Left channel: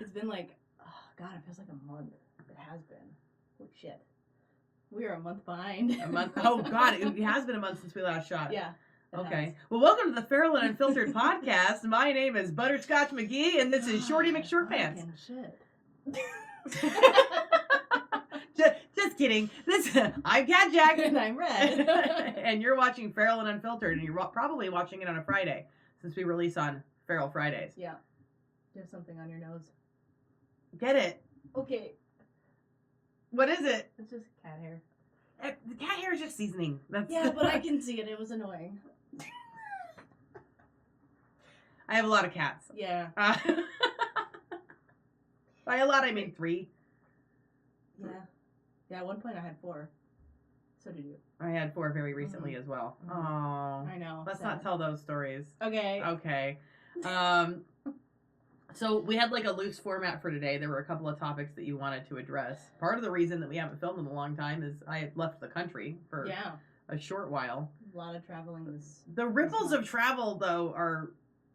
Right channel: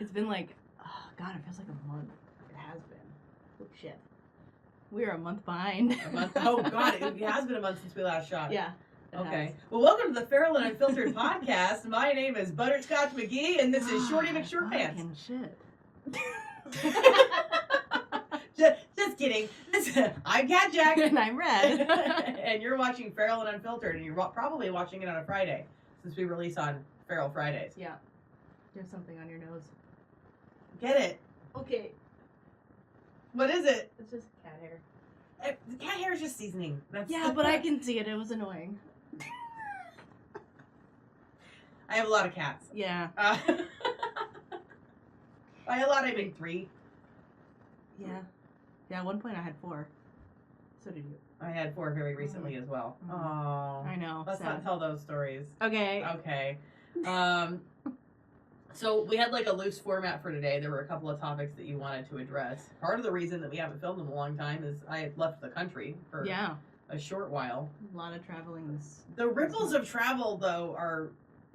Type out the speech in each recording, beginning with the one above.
It's been like, oh God, it feels like a month. It has been. Oh shit. We are a month behind. A month? Oh God, it has been a month since we last shot. Yeah. Okay. Well, welcome to the Feral and Unfiltered podcast. My name is Butterscotch McGee, and this is Shorty McShortpants. Shit. Just kidding. I'm Cat Jack. And I'm Red. And you're watching Feral and Unfiltered, and you're probably watching it on a Friday, since we release on Feral Fridays. Yeah. You have something on your nose. Get it? Okay. What is it? It's just cat hair. The cat hair is just seasoning. Yeah, but I can see it. It was annoying. I have a lot of cats. Yeah. By a lot, I mean 3. Yeah. Yeah, at one point I had 4. So did you. I had 4 very recently as well. Oh. I know. Let's sad. not tell those stories. Okay. Okay. So we had like a loose format for today. There were a couple of topics that you wanted to address. Part of the reason that we haven't filmed in a long time is I had left the country for a short while. A lot of traveling this. The ripples of travel, though, are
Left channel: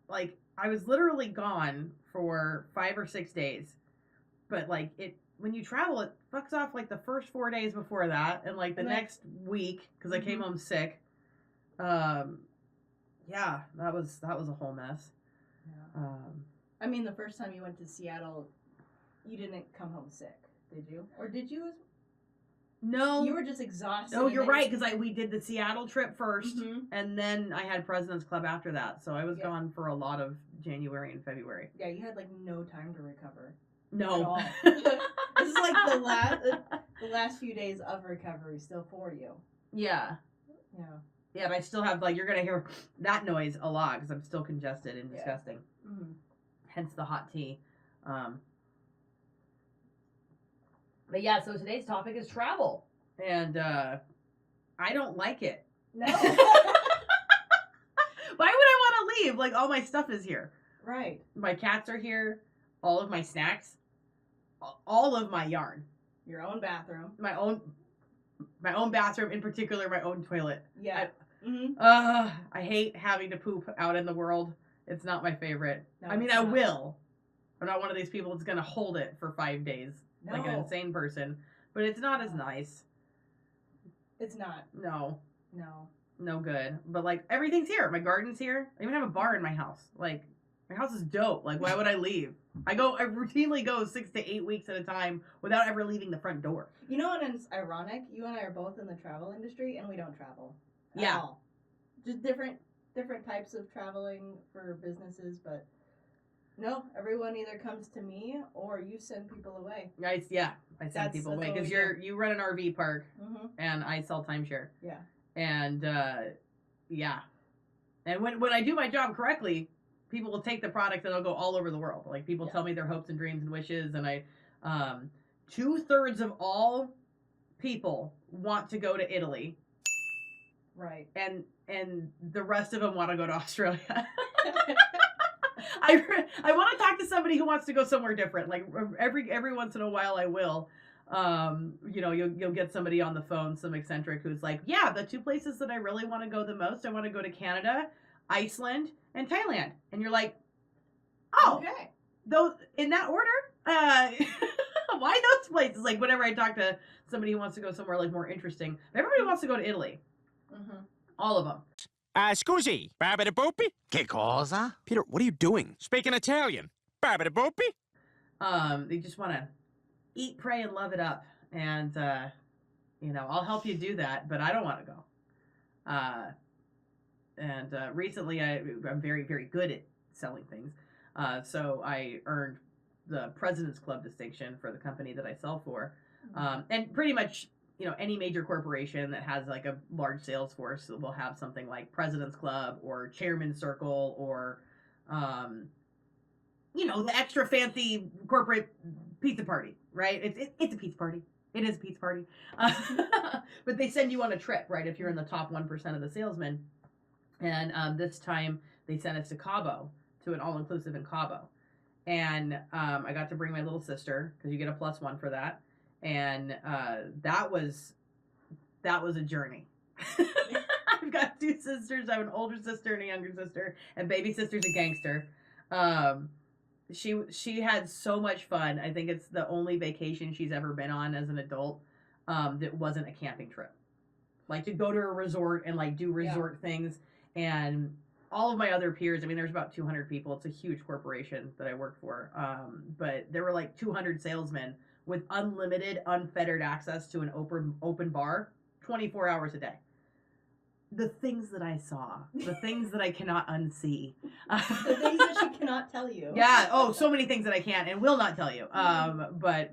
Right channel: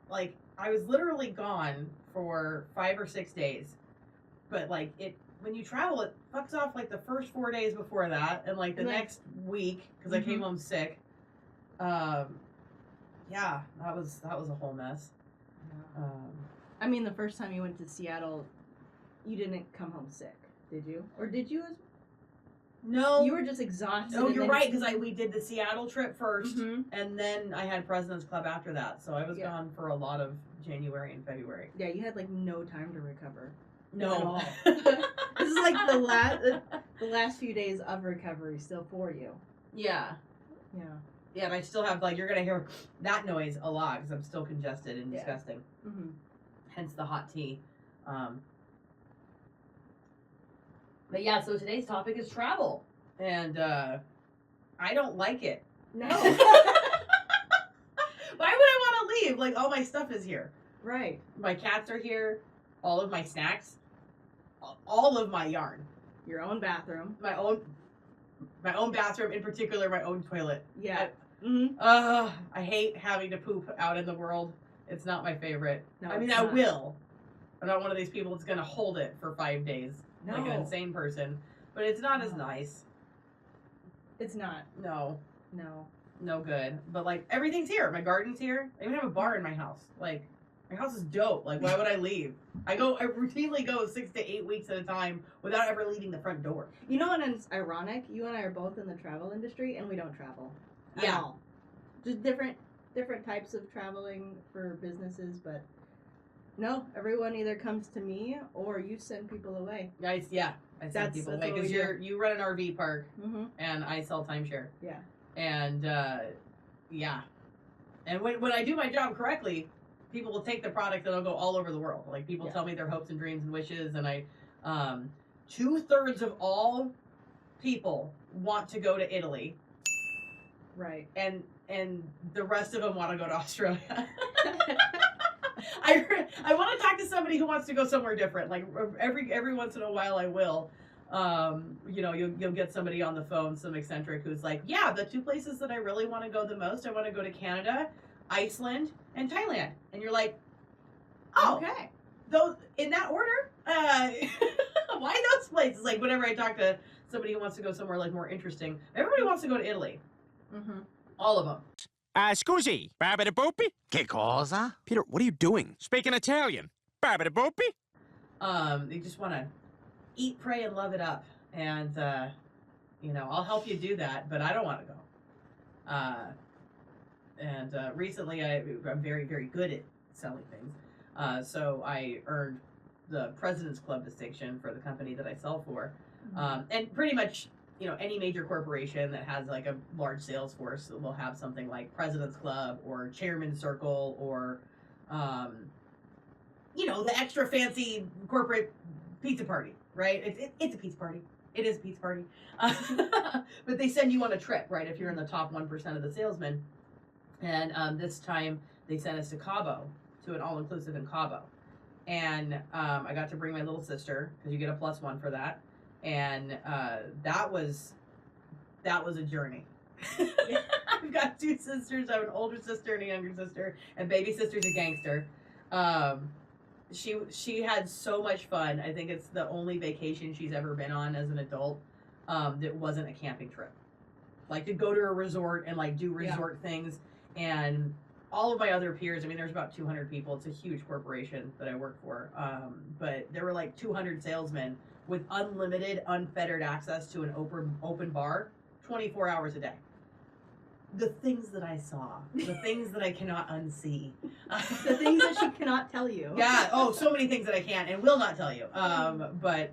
like I was literally gone for 5 or 6 days. But like when you travel, it fucks off like the first 4 days before that, and like the next week because I came home sick. Yeah, that was a whole mess. Yeah. I mean, the first time you went to Seattle, you didn't come home sick, did you? Or did you? No. You were just exhausted. Oh, you're right, because we did the Seattle trip first, Mm-hmm. and then I had President's Club after that, so I was gone for a lot of January and February. Yeah, you had like no time to recover. No. At all. This is like the last few days of recovery still for you. Yeah. Yeah. Yeah, but I still have, like, you're going to hear that noise a lot, because I'm still congested and disgusting. Mm-hmm. Hence the hot tea. But yeah, so today's topic is travel. And I don't like it. No. Why would I want to leave? Like, all my stuff is here. Right. My cats are here. All of my snacks. All of my yarn. Your own bathroom. My own bathroom, in particular, my own toilet. Yeah. I hate having to poop out in the world. It's not my favorite. No, I mean, I will. I'm not one of these people that's going to hold it for 5 days. No. Like an insane person. But it's not as nice. It's not. No. No. No good. But, like, everything's here. My garden's here. I even have a bar in my house. Like, my house is dope. Like, why would I leave? I routinely go 6 to 8 weeks at a time without ever leaving the front door. You know what is ironic? You and I are both in the travel industry, and we don't travel. Yeah. At all. Just different types of traveling for businesses, but no, everyone either comes to me or you send people away. I send people away because you run an RV park, and I sell timeshare. Yeah. And and when I do my job correctly, people will take the product and it'll go all over the world. Like people tell me their hopes and dreams and wishes, and I 2/3 of all people want to go to Italy. Right. And the rest of them want to go to Australia. I want to talk to somebody who wants to go somewhere different. Like every once in a while, I will. You'll get somebody on the phone, some eccentric who's like, yeah, the 2 places that I really want to go the most, I want to go to Canada, Iceland, and Thailand. And you're like, oh, okay, those in that order? Why those places? Like whenever I talk to somebody who wants to go somewhere like more interesting, everybody wants to go to Italy. Mm-hmm. All of them. Scusi, Barbara Boopy? Che cosa? Peter, what are you doing? Speaking Italian. Barbara Boopy? They just want to eat, pray, and love it up. And, I'll help you do that, but I don't want to go. Recently I'm very, very good at selling things. So I earned the President's Club distinction for the company that I sell for. And pretty much, any major corporation that has like a large sales force will have something like President's Club or Chairman's Circle or, the extra fancy corporate pizza party, right? It's a pizza party. It is a pizza party. But they send you on a trip, right? If you're in the top 1% of the salesmen. And this time they sent us to Cabo, to an all-inclusive in Cabo. And I got to bring my little sister, because you get a +1 for that. And that was a journey. I've got 2 sisters. I have an older sister and a younger sister, and baby sister's a gangster. she had so much fun. I think it's the only vacation she's ever been on as an adult that wasn't a camping trip. Like to go to a resort and like do resort things. And all of my other peers, I mean, there's about 200 people. It's a huge corporation that I work for. But there were like 200 salesmen with unlimited, unfettered access to an open bar 24 hours a day. The things that I saw, the things that I cannot unsee. The things that she cannot tell you. Yeah. Oh, so many things that I can't and will not tell you. But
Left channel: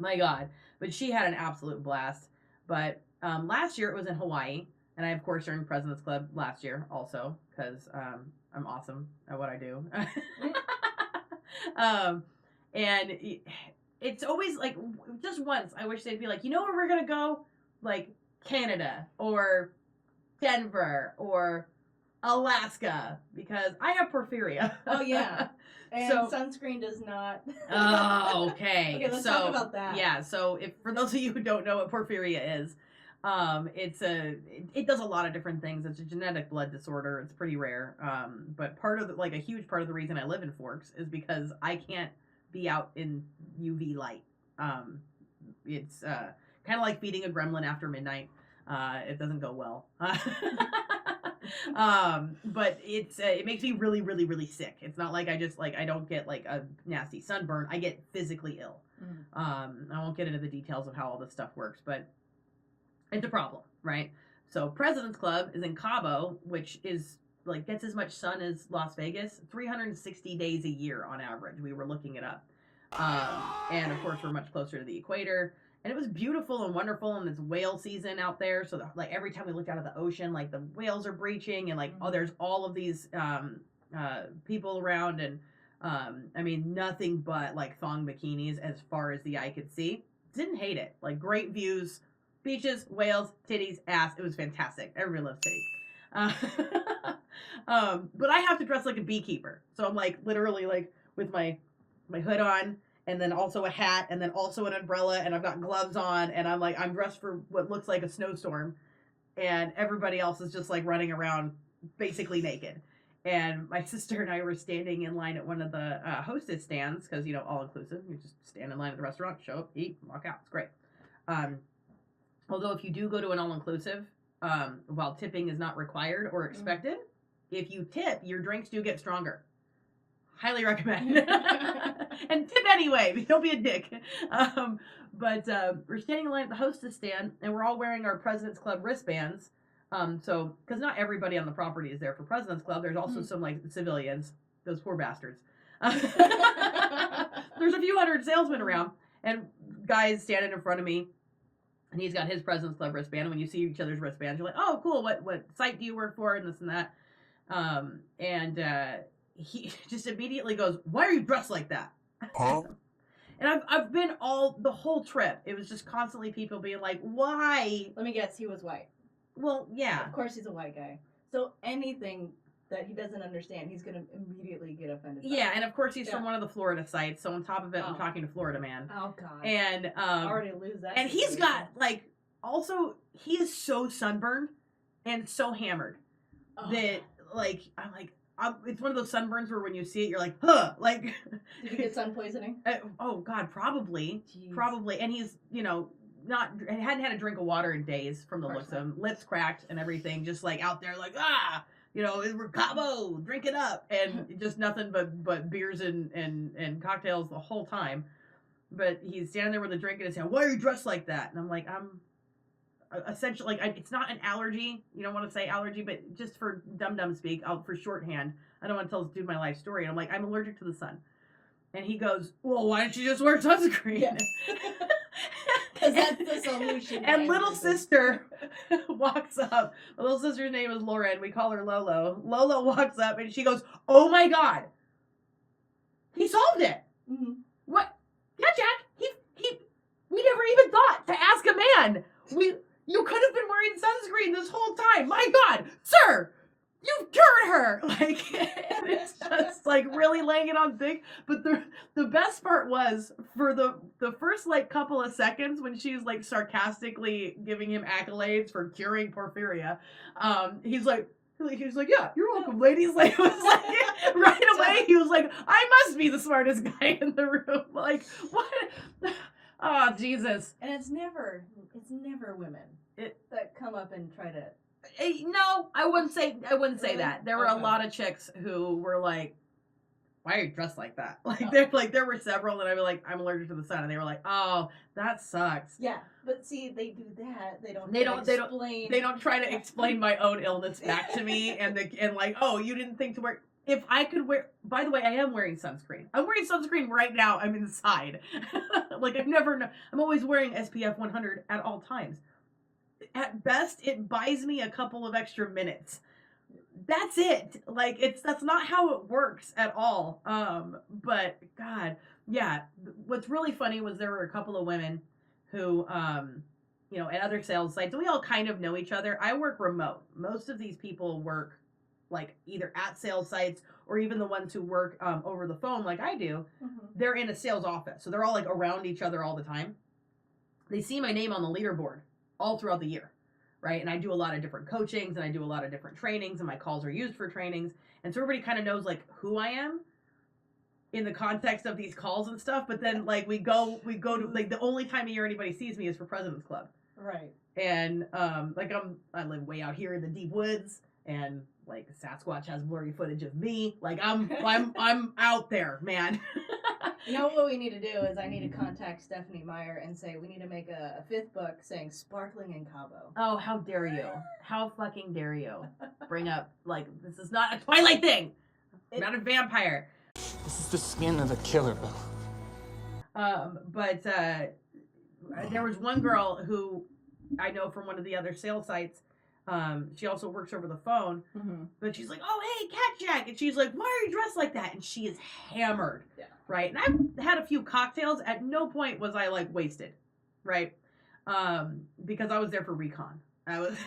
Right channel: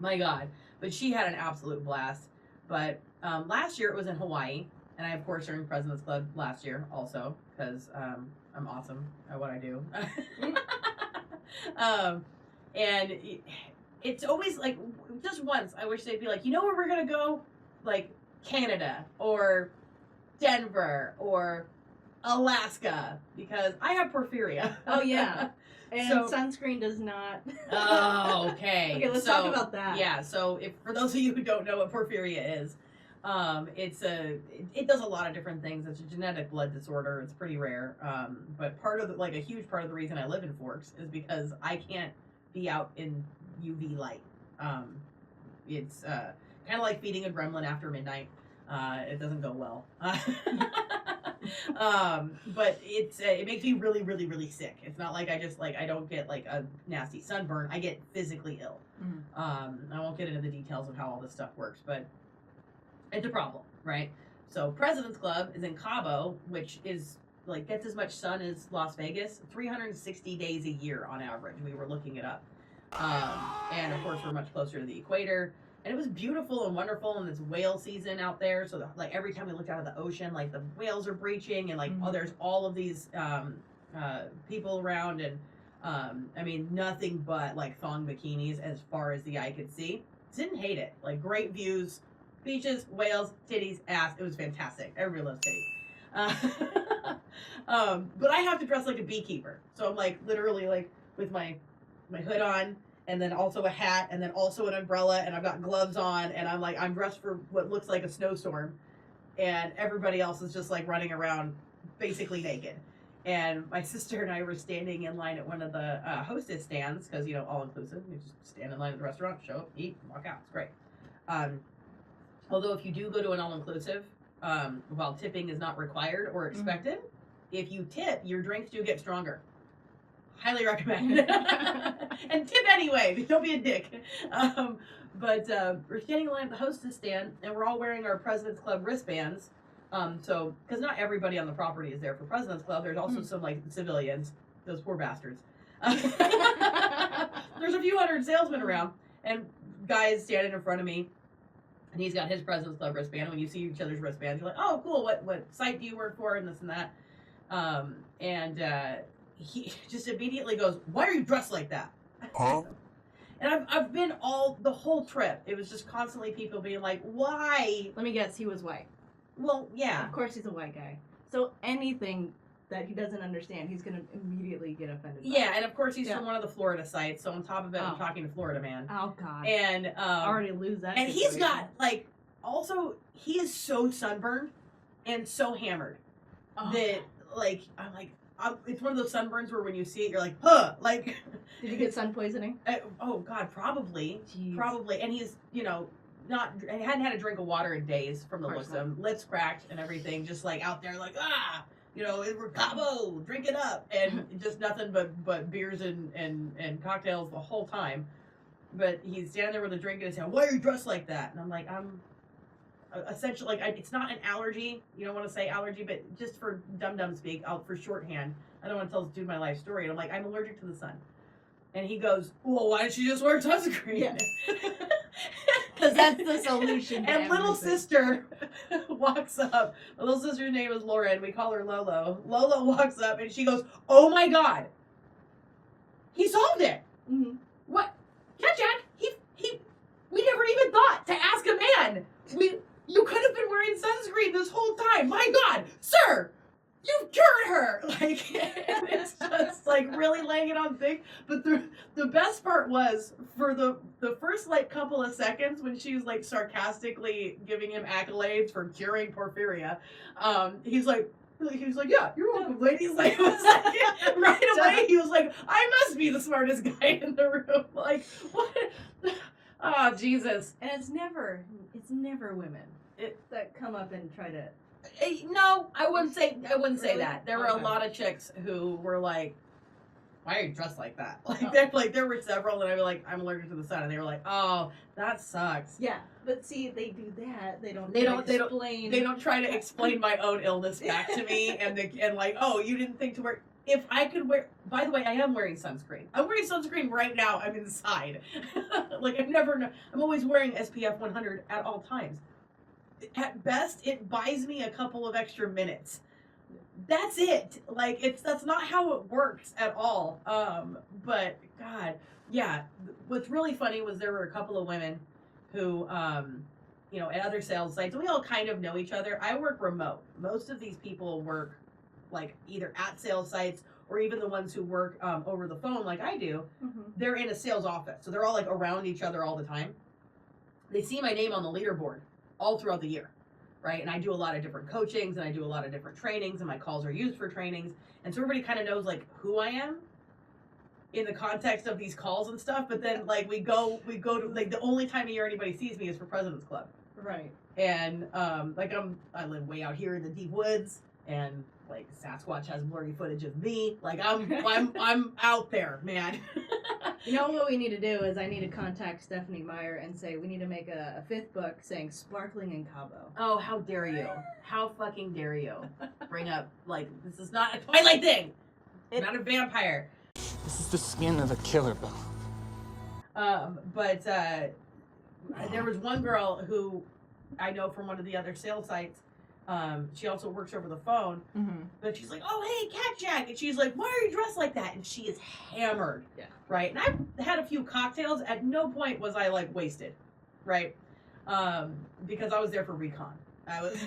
my God. But she had an absolute blast. But last year it was in Hawaii. And I, of course, earned President's Club last year also because I'm awesome at what I do. And it's always like, just once, I wish they'd be like, you know where we're going to go? Like Canada or Denver or Alaska because I have porphyria. Oh, yeah. And sunscreen does not. Oh, okay. Okay, let's talk about that. Yeah, so if for those of you who don't know what porphyria is, it does a lot of different things. It's a genetic blood disorder. It's pretty rare. But part of a huge part of the reason I live in Forks is because I can't be out in UV light. It's kind of like feeding a gremlin after midnight. It doesn't go well. But it makes me really, really, really sick. It's not like I don't get like a nasty sunburn. I get physically ill. I won't get into the details of how all this stuff works, but it's a problem, right? So President's Club is in Cabo, which is like gets as much sun as Las Vegas, 360 days a year on average. We were looking it up. And of course we're much closer to the equator. And it was beautiful and wonderful, and it's whale season out there. So like every time we looked out of the ocean, like the whales are breaching, and like there's all of these people around, and I mean nothing but like thong bikinis as far as the eye could see. Didn't hate it. Like great views, beaches, whales, titties, ass. It was fantastic. Everybody loves titties. But I have to dress like a beekeeper, so I'm like literally like with my hood on. And then also a hat, and then also an umbrella, and I've got gloves on, and I'm dressed for what looks like a snowstorm, and everybody else is just like running around basically naked. And my sister and I were standing in line at one of the hostess stands, because, all inclusive, you just stand in line at the restaurant, show up, eat, walk out, it's great. Although if you do go to an all-inclusive, while tipping is not required or expected, if you tip, your drinks do get stronger. Highly recommend. And tip anyway. Don't be a dick. But we're standing in line at the hostess stand, and we're all wearing our President's Club wristbands. So, because not everybody on the property is there for President's Club. There's also some like civilians. Those poor bastards. There's a few hundred salesmen around, and guys standing in front of me, and he's got his President's Club wristband. And when you see each other's wristbands, you're like, oh, cool. What site do you work for? And this and that. He just immediately goes, why are you dressed like that? Huh? And I've been the whole trip. It was just constantly people being like, why? Let me guess, he was white. Well, yeah. Of course he's a white guy. So anything that he doesn't understand, he's going to immediately get offended by. Yeah, and of course he's from one of the Florida sites. So on top of it, I'm talking to Florida man. Oh, God. And I already lose that. And he's got, like, also, he is so sunburned and so hammered that, like, I'm like, it's one of those sunburns where when you see it, you're like, huh, like. Did you get sun poisoning? Oh God, probably. Jeez. Probably. And he's, hadn't had a drink of water in days from the looks of him. Lips cracked and everything, just like out there like, we're Cabo, drink it up. And just nothing but beers and cocktails the whole time. But he's standing there with a drink in his hand. Why are you dressed like that? And I'm like, I'm essentially, like, it's not an allergy. You don't want to say allergy, but just for dum-dum speak, for shorthand, I don't want to tell this dude my life story. And I'm like, I'm allergic to the sun. And he goes, well, why don't you just wear sunscreen? Yeah. Because that's the solution. And little sister walks up. My little sister's name is Lauren. We call her Lolo. Lolo walks up and she goes, oh my God. He solved it. Mm-hmm. What? Yeah, Jack. We never even thought to ask a man. You could have been wearing sunscreen this whole time. My God, sir, you've cured her. Like, it's just like really laying it on thick. But the best part was for the first like couple of seconds when she was like sarcastically giving him accolades for curing porphyria. He's like, He was like, yeah, you're welcome, ladies. Like, it was like, right away, he was like, I must be the smartest guy in the room. Like, what? Oh, Jesus. And it's never women that come up and try to. No, I wouldn't say Really? that. There were a Okay. lot of chicks who were like, why are you dressed like that? Like, Oh. there were several that I was like, I'm allergic to the sun. And they were like, oh, that sucks. Yeah, but see, they do that. They don't explain. They don't try to explain my own illness back to me and like, oh, you didn't think to wear. If I could wear, by the way, I am wearing sunscreen. I'm wearing sunscreen right now. I'm inside. Like I'm always wearing SPF 100 at all times. At best, it buys me a couple of extra minutes. That's it. Like that's not how it works at all. But God, yeah. What's really funny was there were a couple of women who, at other sales sites, we all kind of know each other. I work remote. Most of these people work like either at sales sites or even the ones who work over the phone like I do. Mm-hmm. They're in a sales office, so they're all like around each other all the time. They see my name on the leaderboard all throughout the year, right? And I do a lot of different coachings and I do a lot of different trainings, and my calls are used for trainings, and so everybody kind of knows like who I am in the context of these calls and stuff. But then like we go to like the only time of year anybody sees me is for President's Club. Right. And I live way out here in the deep woods, and like Sasquatch has blurry footage of me. Like I'm out there, man. You know what we need to do is I need to contact Stephanie Meyer and say we need to make a 5th book saying sparkling in Cabo. Oh, how dare you? How fucking dare you bring up like this is not a Twilight thing. Not a vampire. This is the skin of a killer, Bill. But there was one girl who I know from one of the other sales sites. She also works over the phone, but she's like, "Oh, hey, Cat Jack," and she's like, "Why are you dressed like that?" And she is hammered, right? And I've had a few cocktails. At no point was I like wasted, right? Because I was there for recon. I was,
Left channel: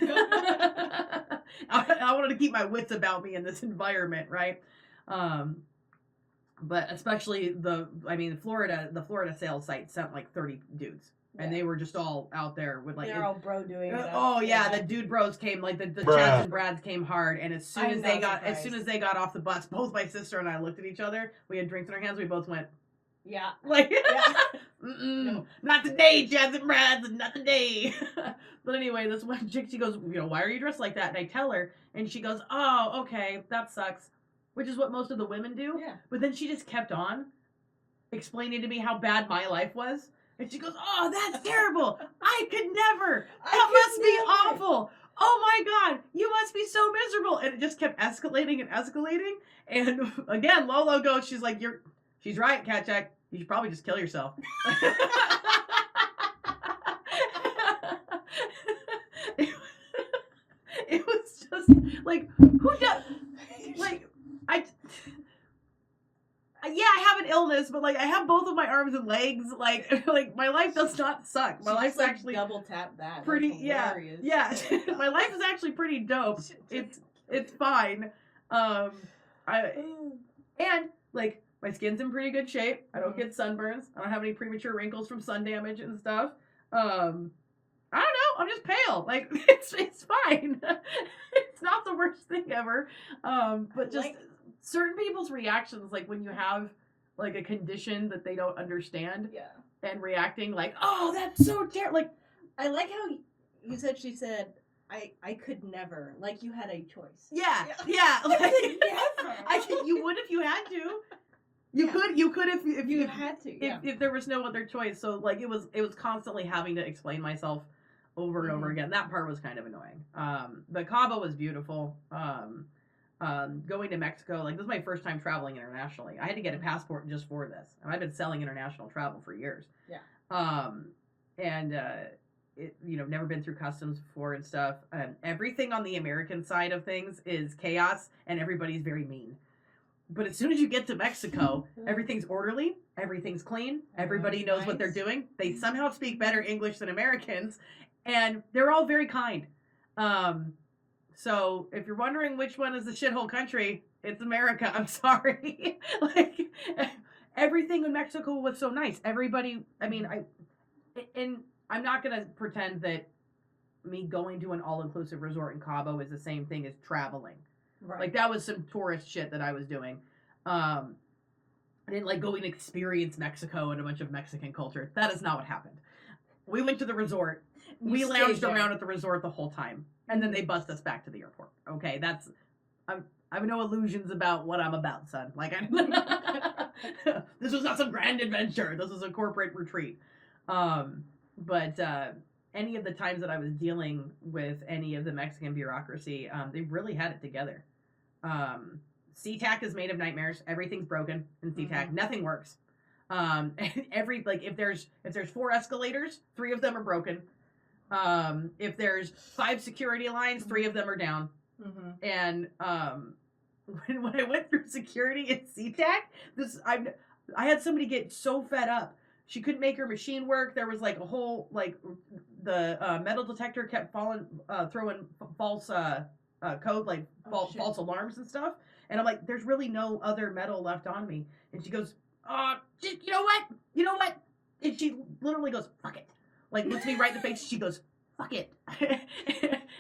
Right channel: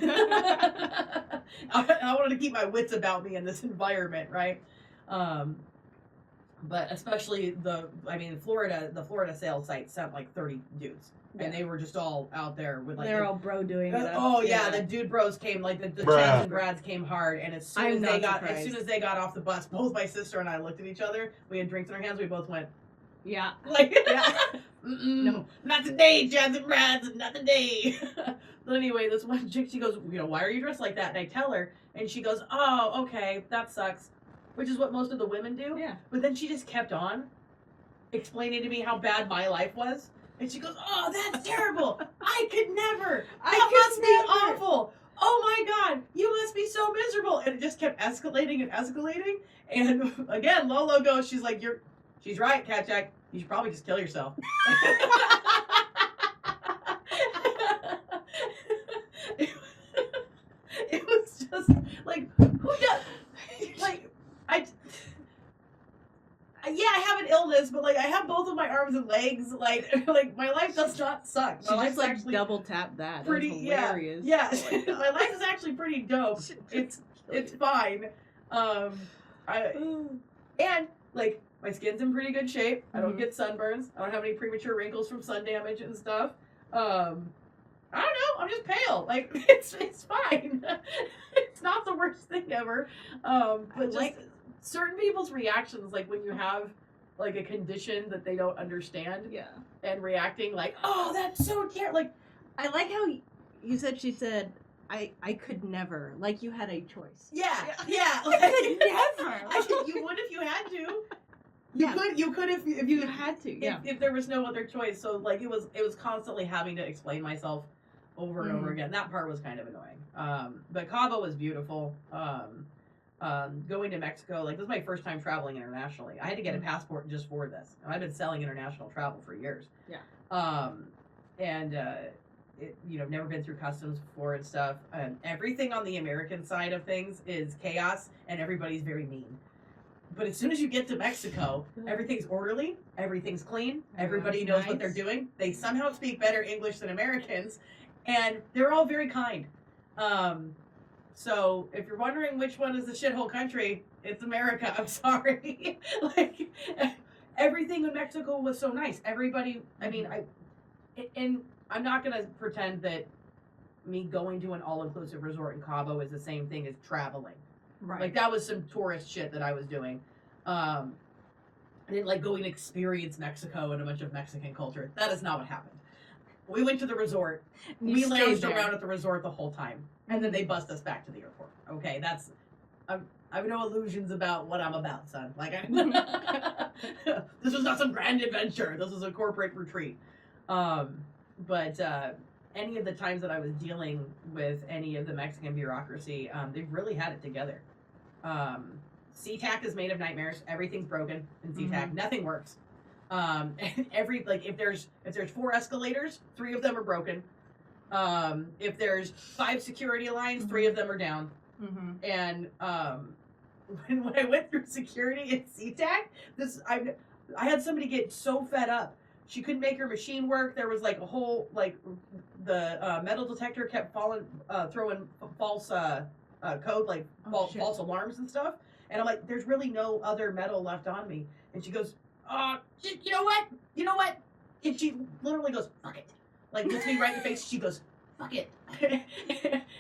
I wanted to keep my wits about me in this environment, right? But especially the Florida sales site sent like 30 dudes. And they were just all out there with like they're all bro doing it. Oh yeah, the dude bros came, like the Chads and Brads came hard, and as soon as they got off the bus, both my sister and I looked at each other. We had drinks in our hands. We both went, yeah, like, no, not today, Chads and Brads, not today. But anyway, this one chick, she goes, why are you dressed like that? And I tell her, and she goes, oh, okay, that sucks, which is what most of the women do. Yeah. But then she just kept on explaining to me how bad my life was. And she goes, oh, that's terrible. I could never. That must be awful. Oh my God, you must be so miserable. And it just kept escalating and escalating. And again, Lolo goes, she's like, she's right, Cat Jack. You should probably just kill yourself. It was just like, who does, like, I have an illness, but like I have both of my arms and legs. Like my life does not suck. My life's like actually double tap that. pretty. Yeah. My life is actually pretty dope. It's fine. And like my skin's in pretty good shape. I don't get sunburns. I don't have any premature wrinkles from sun damage and stuff. I don't know. I'm just pale. Like it's fine. It's not the worst thing ever. But just certain people's reactions, like when you have like a condition that they don't understand, and reacting like, oh, that's so terrible. Like, I like how you said. She said, I could never. Like you had a choice. Yeah. Like, never. You would if you had to. You could if you had to. Yeah. If there was no other choice. So like it was constantly having to explain myself over and over again. That part was kind of annoying. But Cabo was beautiful. Going to Mexico, like this is my first time traveling internationally. I had to get a passport just for this, and I've been selling international travel for years. Yeah. Never been through customs before and stuff. Everything on the American side of things is chaos, and everybody's very mean. But as soon as you get to Mexico, everything's orderly, everything's clean, everybody knows what they're doing. They somehow speak better English than Americans, and they're all very kind. So if you're wondering which one is the shithole country, it's America. I'm sorry. Like everything in Mexico was so nice. Everybody, I'm not gonna pretend that me going to an all-inclusive resort in Cabo is the same thing as traveling. Right. Like, that was some tourist shit that I was doing. I didn't like go and experience Mexico and a bunch of Mexican culture. That is not what happened. We went to the resort. We lounged around at the resort the whole time. And then they bust us back to the airport. Okay, that's... I have no illusions about what I'm about, son. Like, this was not some grand adventure. This was a corporate retreat. But any of the times that I was dealing with any of the Mexican bureaucracy, they've really had it together. SeaTac is made of nightmares. Everything's broken in SeaTac. Mm-hmm. Nothing works. If there's 4 escalators, 3 of them are broken. If there's 5 security lines, 3 of them are down. Mm-hmm. And when I went through security at SeaTac, I had somebody get so fed up. She couldn't make her machine work. There was like a whole the metal detector kept throwing false code, like false alarms and stuff. And I'm like, there's really no other metal left on me. And she goes, you know what? And she literally goes, fuck it. Like, looks me right in the face. She goes, fuck it.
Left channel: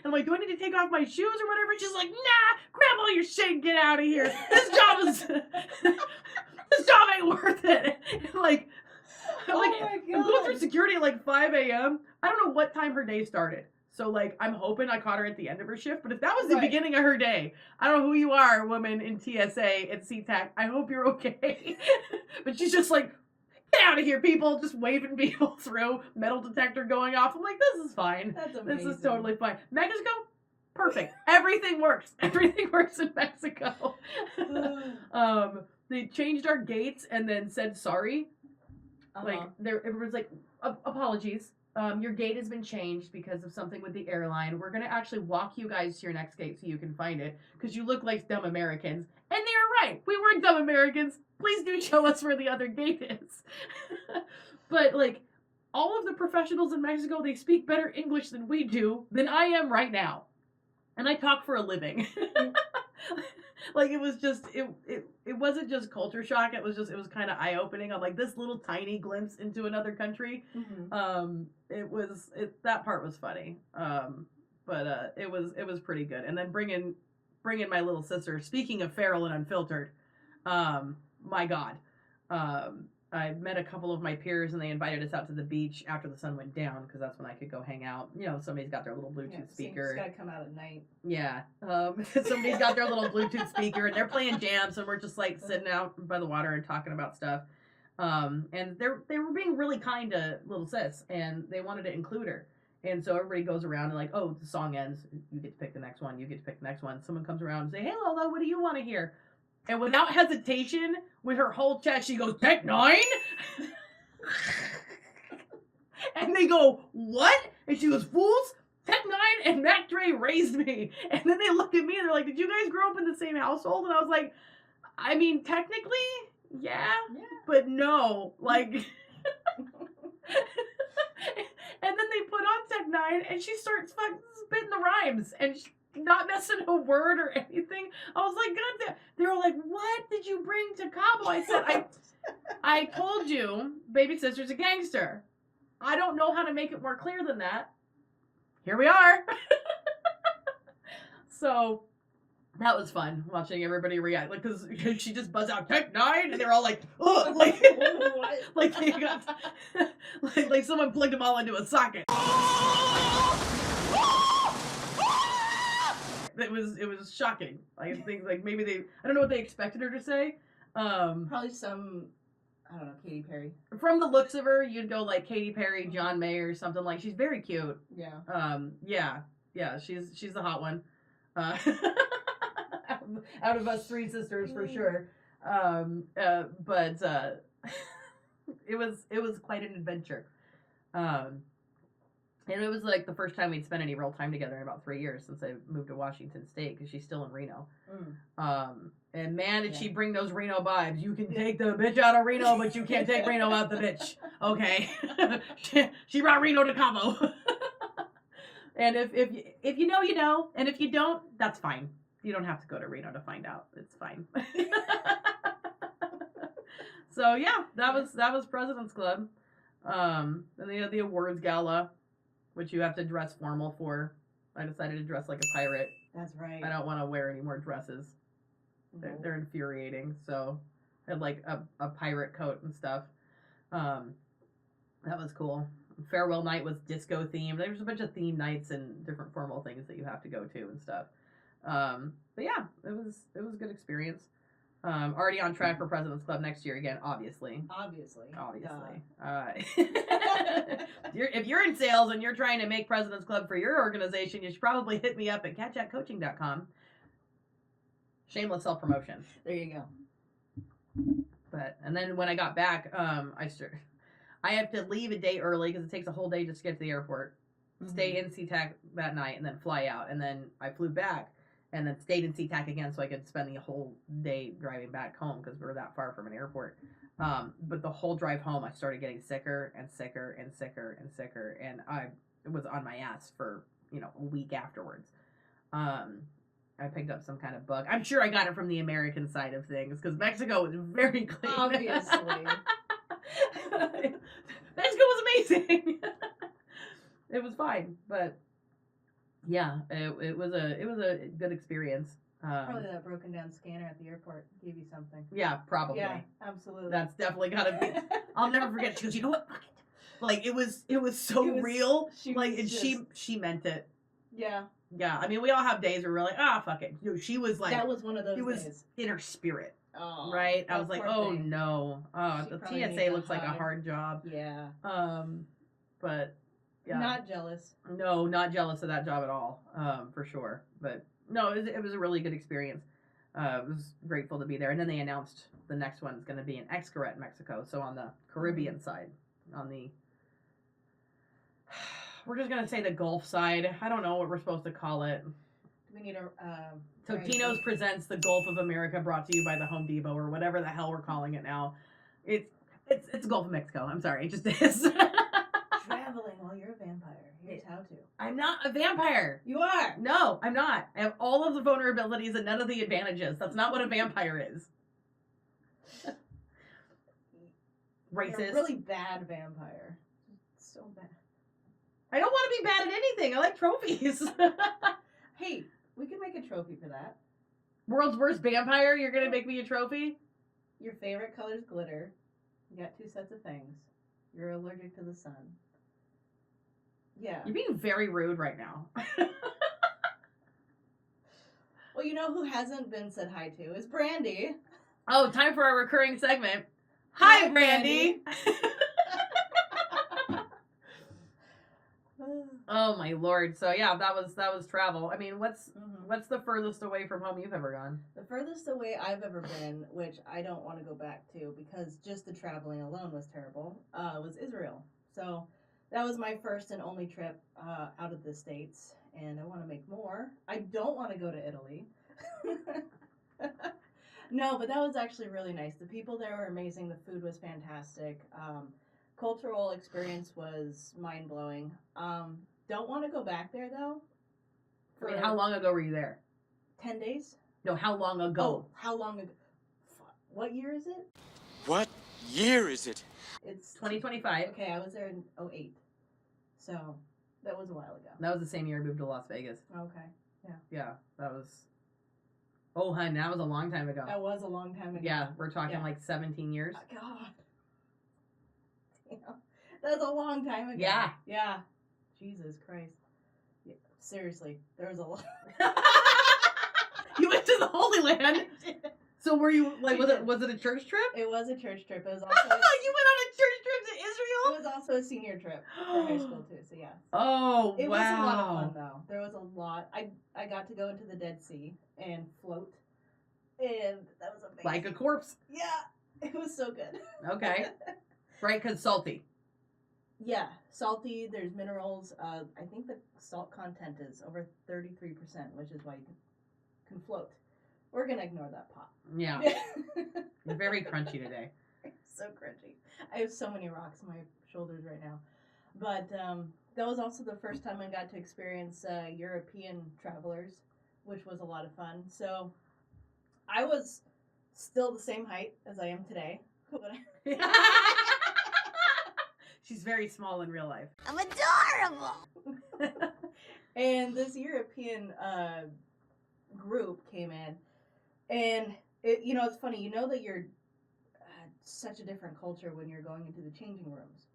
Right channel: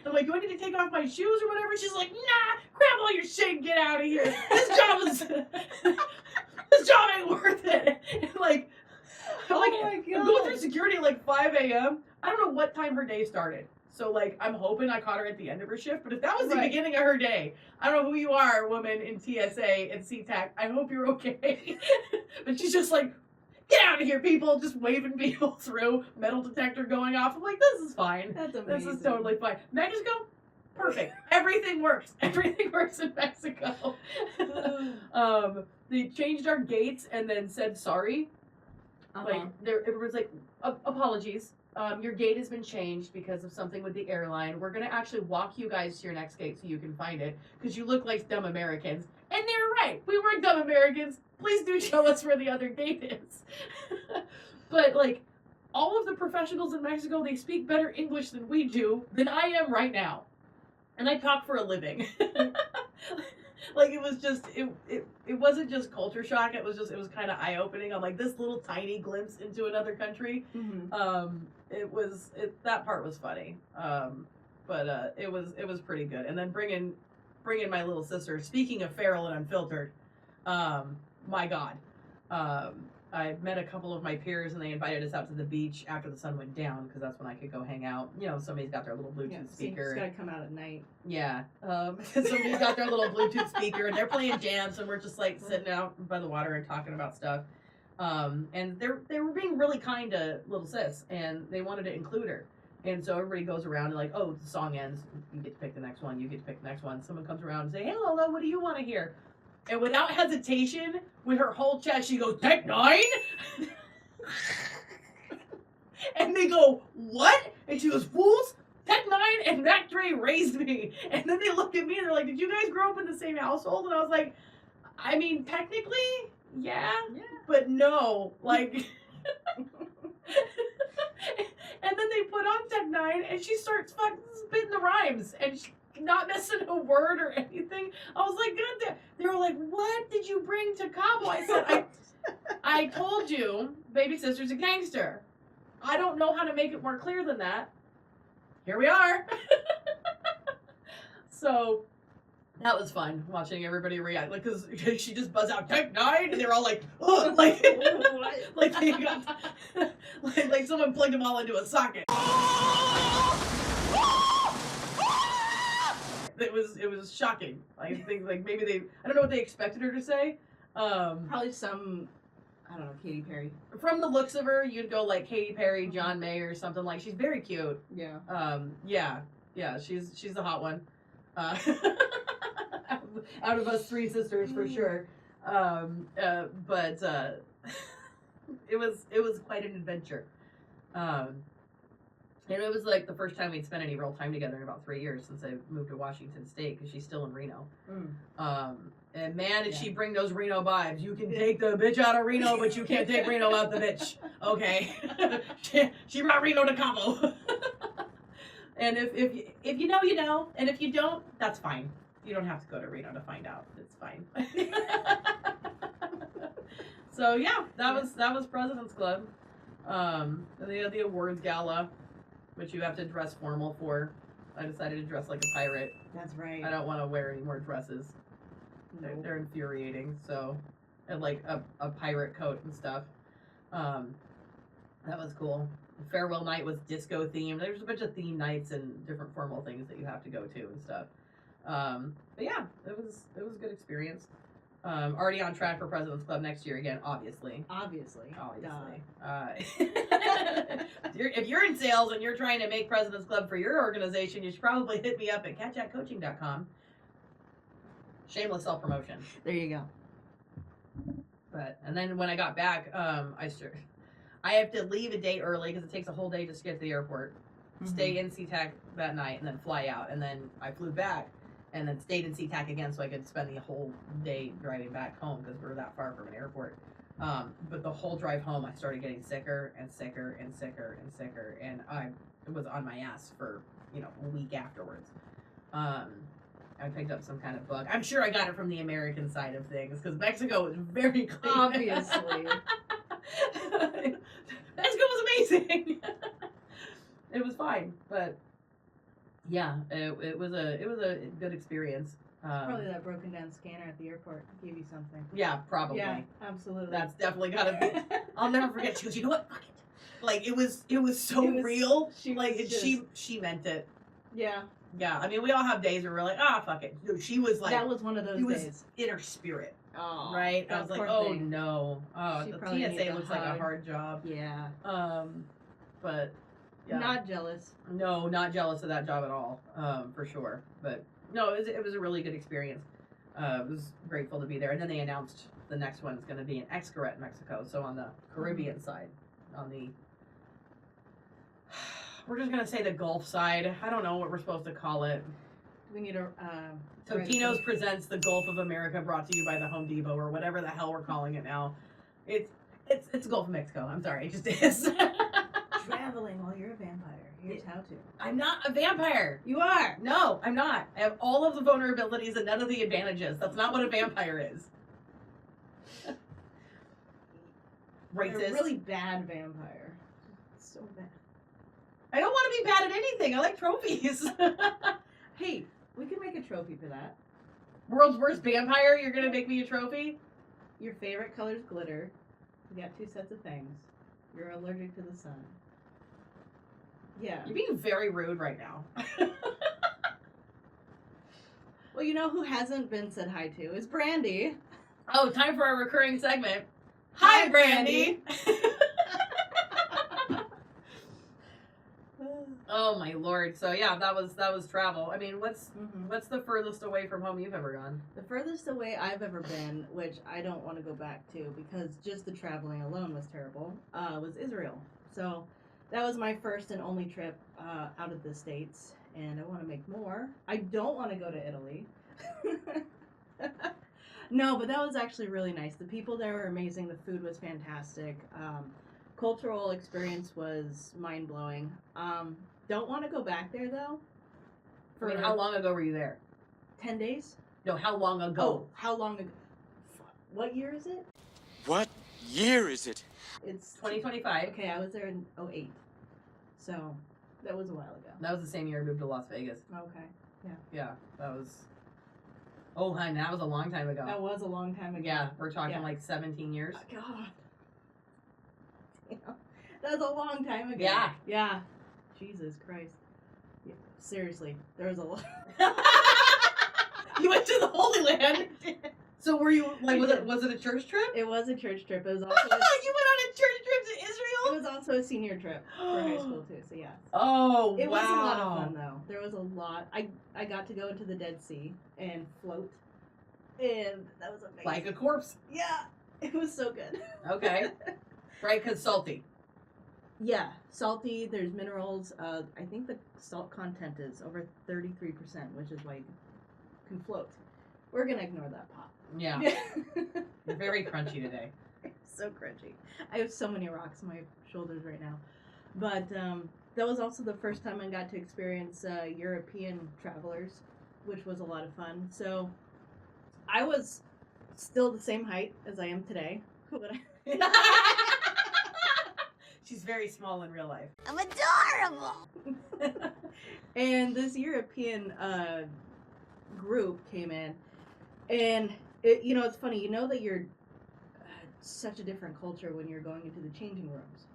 I'm like, do I need to take off my shoes or whatever? She's like, nah, grab all your shit and get out of here. This job ain't worth it. And I'm going through security at like 5 a.m. I don't know what time her day started. So, like, I'm hoping I caught her at the end of her shift. But if that was the beginning of her day, I don't know who you are, woman in TSA at SeaTac. I hope you're okay. But she's just like, get out of here, people. Just waving people through. Metal detector going off. I'm like, this is fine. That's amazing. This is totally fine. Mexico? Perfect. Everything works. Everything works in Mexico. They changed our gates and then said sorry. Like, everyone's like, apologies. Your gate has been changed because of something with the airline. We're going to actually walk you guys to your next gate so you can find it because you look like dumb Americans. And they were right. We weren't dumb Americans. Please do show us where the other gate is. But, like, all of the professionals in Mexico, they speak better English than we do, than I am right now. And I talk for a living. Like, it was just, it wasn't just culture shock. It was kind of eye-opening. I'm like, this little tiny glimpse into another country. Mm-hmm. That part was funny. But it was pretty good. And then bringing my little sister, speaking of Feral and Unfiltered, my God. I met a couple of my peers and they invited us out to the beach after the sun went down because that's when I could go hang out. You know, somebody's got their little Bluetooth speaker. It's got to come out at night. Yeah. Somebody's got their little Bluetooth speaker and they're playing jams and we're just like sitting out by the water and talking about stuff. And they were being really kind to little sis and they wanted to include her. And so everybody goes around and like, oh, the song ends. You get to pick the next one. You get to pick the next one. Someone comes around and say, hey, Lola, what do you want to hear? And without hesitation, with her whole chest, she goes, Tech 9? And they go, what? And she goes, fools, Tech 9 and Mac Dre raised me. And then they look at me and they're like, did you guys grow up in the same household? And I was like, I mean, technically, yeah. But no. Like, and then they put on Tech 9 and she starts fucking spitting the rhymes. And not missing a word or anything. I was like, God damn. They were like, what did you bring to Cabo? I said, I told you, baby sister's a gangster. I don't know how to make it more clear than that. Here we are. So that was fun watching everybody react. Like, cause she just buzzed out Tech 9 and they're all like, ugh, like, like they got, like someone plugged them all into a socket. It was shocking. I think like maybe I don't know what they expected her to say. Probably some, I don't know, Katy Perry. From the looks of her, you'd go like Katy Perry, John Mayer, or something like. She's very cute. Yeah. Yeah. She's the hot one. Out of us 3 sisters for sure. But it was quite an adventure. And it was like the first time we'd spent any real time together in about 3 years since I moved to Washington State because she's still in Reno. And man, did she bring those Reno vibes. You can take the bitch out of Reno, but you can't take Reno out the bitch. Okay? she brought Reno to Cabo. And if you know, you know. And if you don't, that's fine. You don't have to go to Reno to find out. It's fine. So yeah, that was President's Club. The awards gala. which you have to dress formal for. I decided to dress like a pirate. That's right. I don't want to wear any more dresses. They're, Nope. they're infuriating. So I had like a pirate coat and stuff. That was cool. Farewell night was disco themed. There was a bunch of theme nights and different formal things that you have to go to and stuff. But yeah, it was a good experience. Already on track for President's Club next year again, obviously. Obviously. If you're in sales and you're trying to make President's Club for your organization, you should probably hit me up at catchatcoaching.com. Shameless self-promotion. There you go. And then when I got back, I have to leave a day early because it takes a whole day just to get to the airport. Stay in SeaTac that night and then fly out. And then I flew back and then stayed in SeaTac again so I could spend the whole day driving back home because we were that far from an airport. But the whole drive home, I started getting sicker and sicker and sicker and sicker. And I was on my ass for, a week afterwards. I picked up some kind of bug. I'm sure I got it from the American side of things because Mexico was very clean. Obviously. Mexico was amazing. It was fine, but yeah, it was a good experience. Probably that broken down scanner at the airport gave you something. Yeah, probably. Yeah, absolutely. That's definitely gotta be. I'll never forget. She goes, you know what? Fuck it. Like it was so real. She meant it. Yeah. Yeah, I mean, we all have days where we're like, fuck it. She was like, that was one of those it was days. in her spirit. Oh, right? I was like, poor oh thing. no. She The probably TSA needed looks a like a hug. hard job. Yeah. But yeah. Not jealous. No, not jealous of that job at all. For sure. But no, it was a really good experience. I was grateful to be there. And then they announced the next one's going to be in Xcaret, Mexico. So on the Caribbean side, we're just going to say the Gulf side. I don't know what we're supposed to call it. We need a. Totino's presents the Gulf of America, brought to you by the Home Depot or whatever the hell we're calling it now. It's Gulf of Mexico. I'm sorry, it just is. Traveling while you're a vampire. Here's how to. I'm not a vampire. You are. No, I'm not. I have all of the vulnerabilities and none of the advantages. That's not what a vampire is. Racist. You're a really bad vampire. So bad. I don't want to be bad at anything. I like trophies. Hey, we can make a trophy for that. World's worst vampire? You're going to make me a trophy? Your favorite color's glitter. You got 2 sets of things. You're allergic to the sun. Yeah. You're being very rude right now. Well, you know who hasn't been said hi to is Brandy. Oh, time for our recurring segment. Hi, Brandy. Oh my lord. So yeah, that was travel. I mean, what's the furthest away from home you've ever gone? The furthest away I've ever been, which I don't want to go back to because just the traveling alone was terrible, was Israel. So that was my first and only trip out of the States, and I want to make more. I don't want to go to Italy. No, but that was actually really nice. The people there were amazing. The food was fantastic. Cultural experience was mind-blowing. Don't want to go back there, though. I mean, how long ago were you there? 10 days? No, how long ago? Oh, how long ago? What year is it? What year is it? It's 2025. Okay, I was there in 2008. So, that was a while ago. That was the same year I moved to Las Vegas. Okay. Yeah, that was... Oh, hun, that was a long time ago. That was a long time ago. Yeah, we're talking Yeah. like 17 years. Oh, God. Yeah. That was a long time ago. Yeah. Yeah. Jesus Christ. Yeah, seriously, there was a lot. You went to the Holy Land? So were you, like, was it a church trip? It was a church trip. It was You also went on a church trip to it Israel? was also a senior trip for high school too. So yeah. Oh, It wow. was a lot of fun though. There was a lot. I got to go into the Dead Sea and float, and that was amazing. Like a corpse. Yeah, it was so good. Okay. Right, because salty. Yeah, salty. There's minerals. I think the salt content is over 33%, which is why you can float. We're gonna ignore that pot. Yeah. You're very crunchy today. So crunchy. I have so many rocks on my shoulders right now. But that was also the first time I got to experience European travelers, which was a lot of fun. So I was still the same height as I am today. She's very small in real life. I'm adorable. And this European group came in, and it's funny. You know that you're such a different culture when you're going into the changing rooms.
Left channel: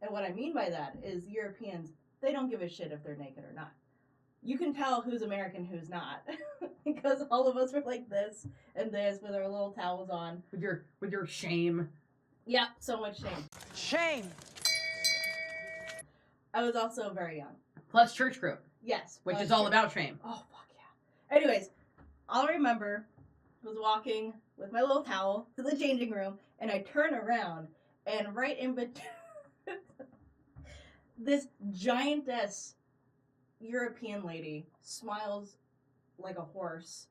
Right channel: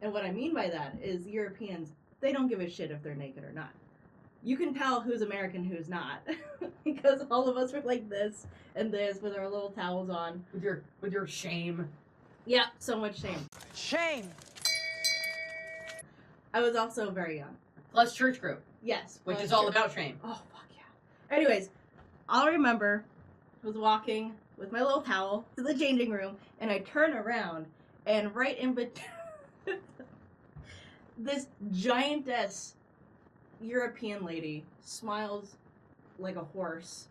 And what I mean by that is Europeans, they don't give a shit if they're naked or not. You can tell who's American, who's not, because all of us were like this and this with our little towels on. With your shame. Yeah, so much shame. Shame. I was also very young. Plus church group, Yes. which well, is all sure. about shame. Oh, fuck yeah. Anyways, all I remember was walking with my little towel to the changing room, and I turn around, and right in between this giantess European lady smiles like a horse.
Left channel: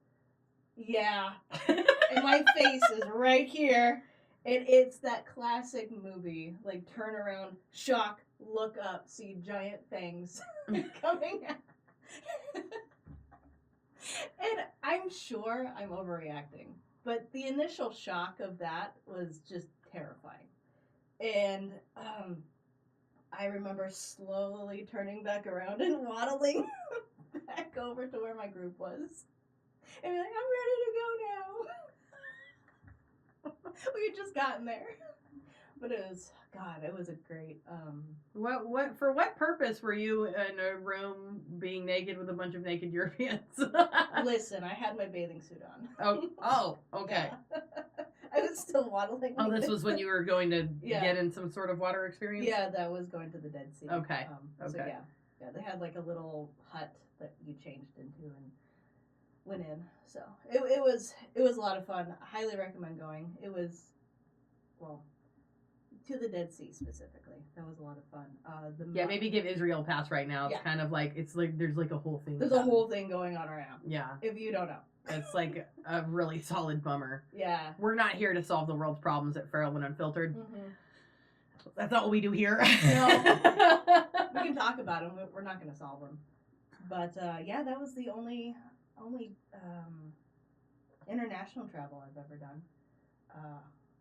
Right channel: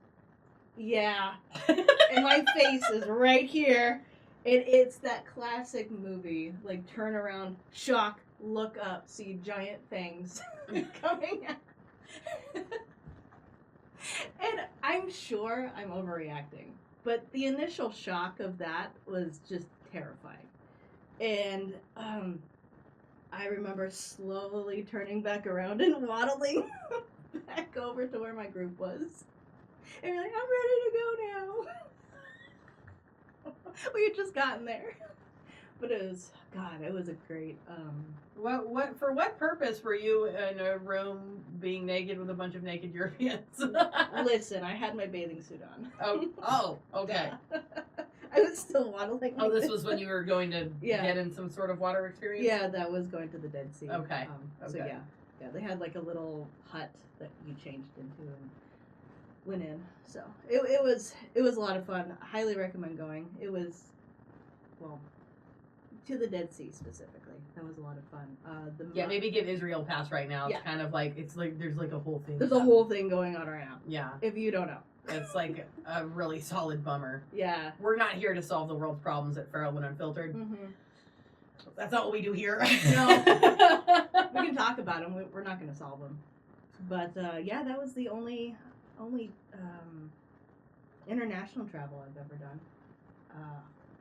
Yeah. And my face is right here. And it's that classic movie, like turn around, shock, look up, see giant fangs coming out. And I'm sure I'm overreacting, but the initial shock of that was just terrifying. And I remember slowly turning back around and waddling back over to where my group was. And like, I'm ready to go now. We had just gotten there. But it was a great For what purpose were you in a room being naked with a bunch of naked Europeans? listen, I had my bathing suit on. Oh, okay. Yeah. I was still waddling. Oh, this was when you were going to Yeah. get in some sort of water experience? Yeah, that was going to the Dead Sea. Okay. So Okay. yeah, they had like a little hut that you changed into and went in. So it was a lot of fun. I highly recommend going. It was, well, to the Dead Sea specifically. That was a lot of fun. Yeah, maybe give Israel a pass right now. It's Yeah. kind of like, there's like a whole thing. There's a whole thing going on right now. Yeah. If you don't know. It's like a really solid bummer. Yeah. We're not here to solve the world's problems at Feral and Unfiltered. Mm-hmm. That's not what we do here. No. We can talk about them. We're not going to solve them. But yeah, that was the only international travel I've ever done.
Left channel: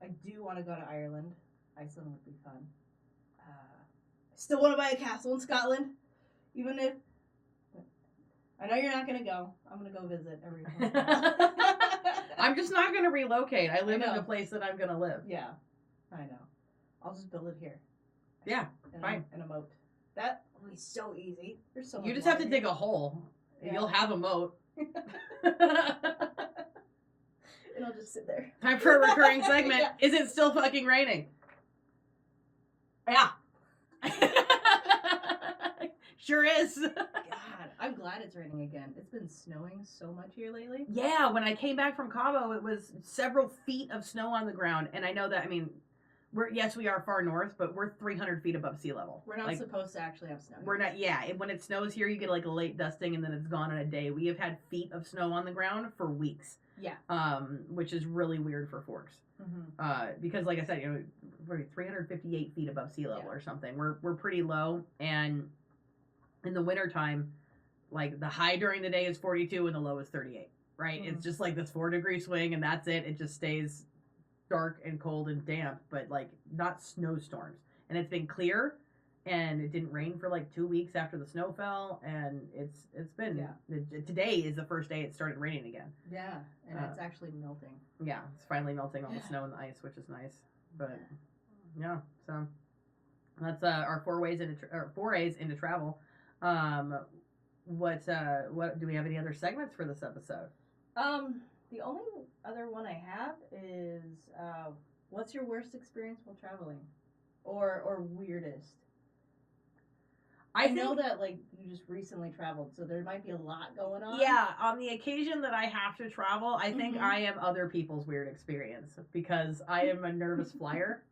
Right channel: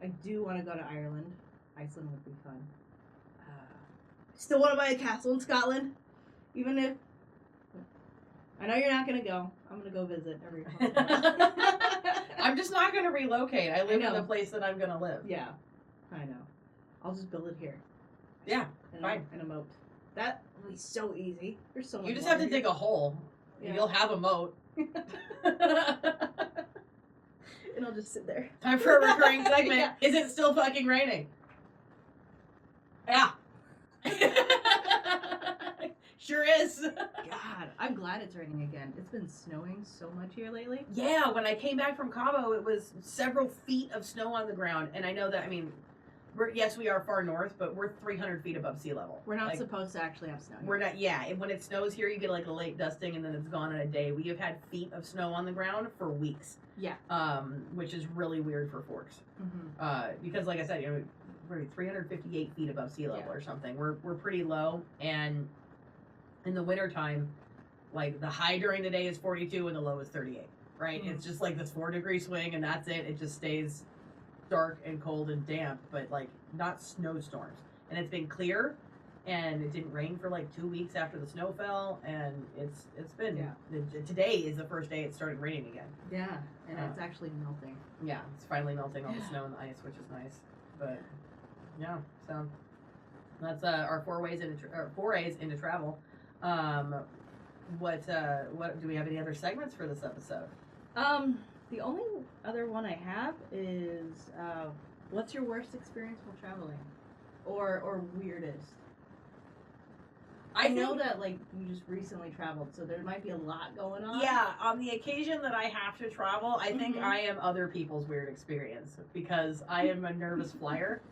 I do want to go to Ireland. Iceland would be fun. Still want to buy a castle in Scotland, even if I know you're not going to go. I'm going to go visit every once in a while. I'm just not going to relocate. I live I in know. the place that I'm going to live. Yeah, I know. I'll just build it here. Yeah, And fine. a moat. That will be so easy. There's so much You just have to water dig a hole. Yeah. You'll have a moat. here. And I'll just sit there. Time for a recurring segment. Yeah. Is it still fucking raining? Yeah. Sure is. God, I'm glad it's raining again. It's been snowing so much here lately. Yeah, when I came back from Cabo, it was several feet of snow on the ground. And I know that, I mean, we are far north, but we're 300 feet above sea level. We're not Like, supposed to actually have snow. We're not, yeah. And when it snows here, you get like a late dusting and then it's gone in a day. We have had feet of snow on the ground for weeks. Yeah. Which is really weird for Forks. Mm-hmm. Because like I said, we're 358 feet above sea level or something. We're pretty low, and in the wintertime, like the high during the day is 42 and the low is 38. Right? Mhm. It's just like this 4-degree swing, and that's it. It just stays dark and cold and damp, but like not snowstorms. And it's been clear, and it didn't rain for like 2 weeks after the snow fell, and it's been today is the first day it started raining again. Yeah, and it's actually melting. Yeah, it's finally melting all the snow and the ice, which is nice. But yeah, so that's our forays into travel. What do we have any other segments for this episode? The only other one I have is what's your worst experience while traveling, or weirdest? I know that like you just recently traveled, so there might be a lot going on. Yeah, on the occasion that I have to travel, I think Mhm. I am other people's weird experience because I am a nervous flyer.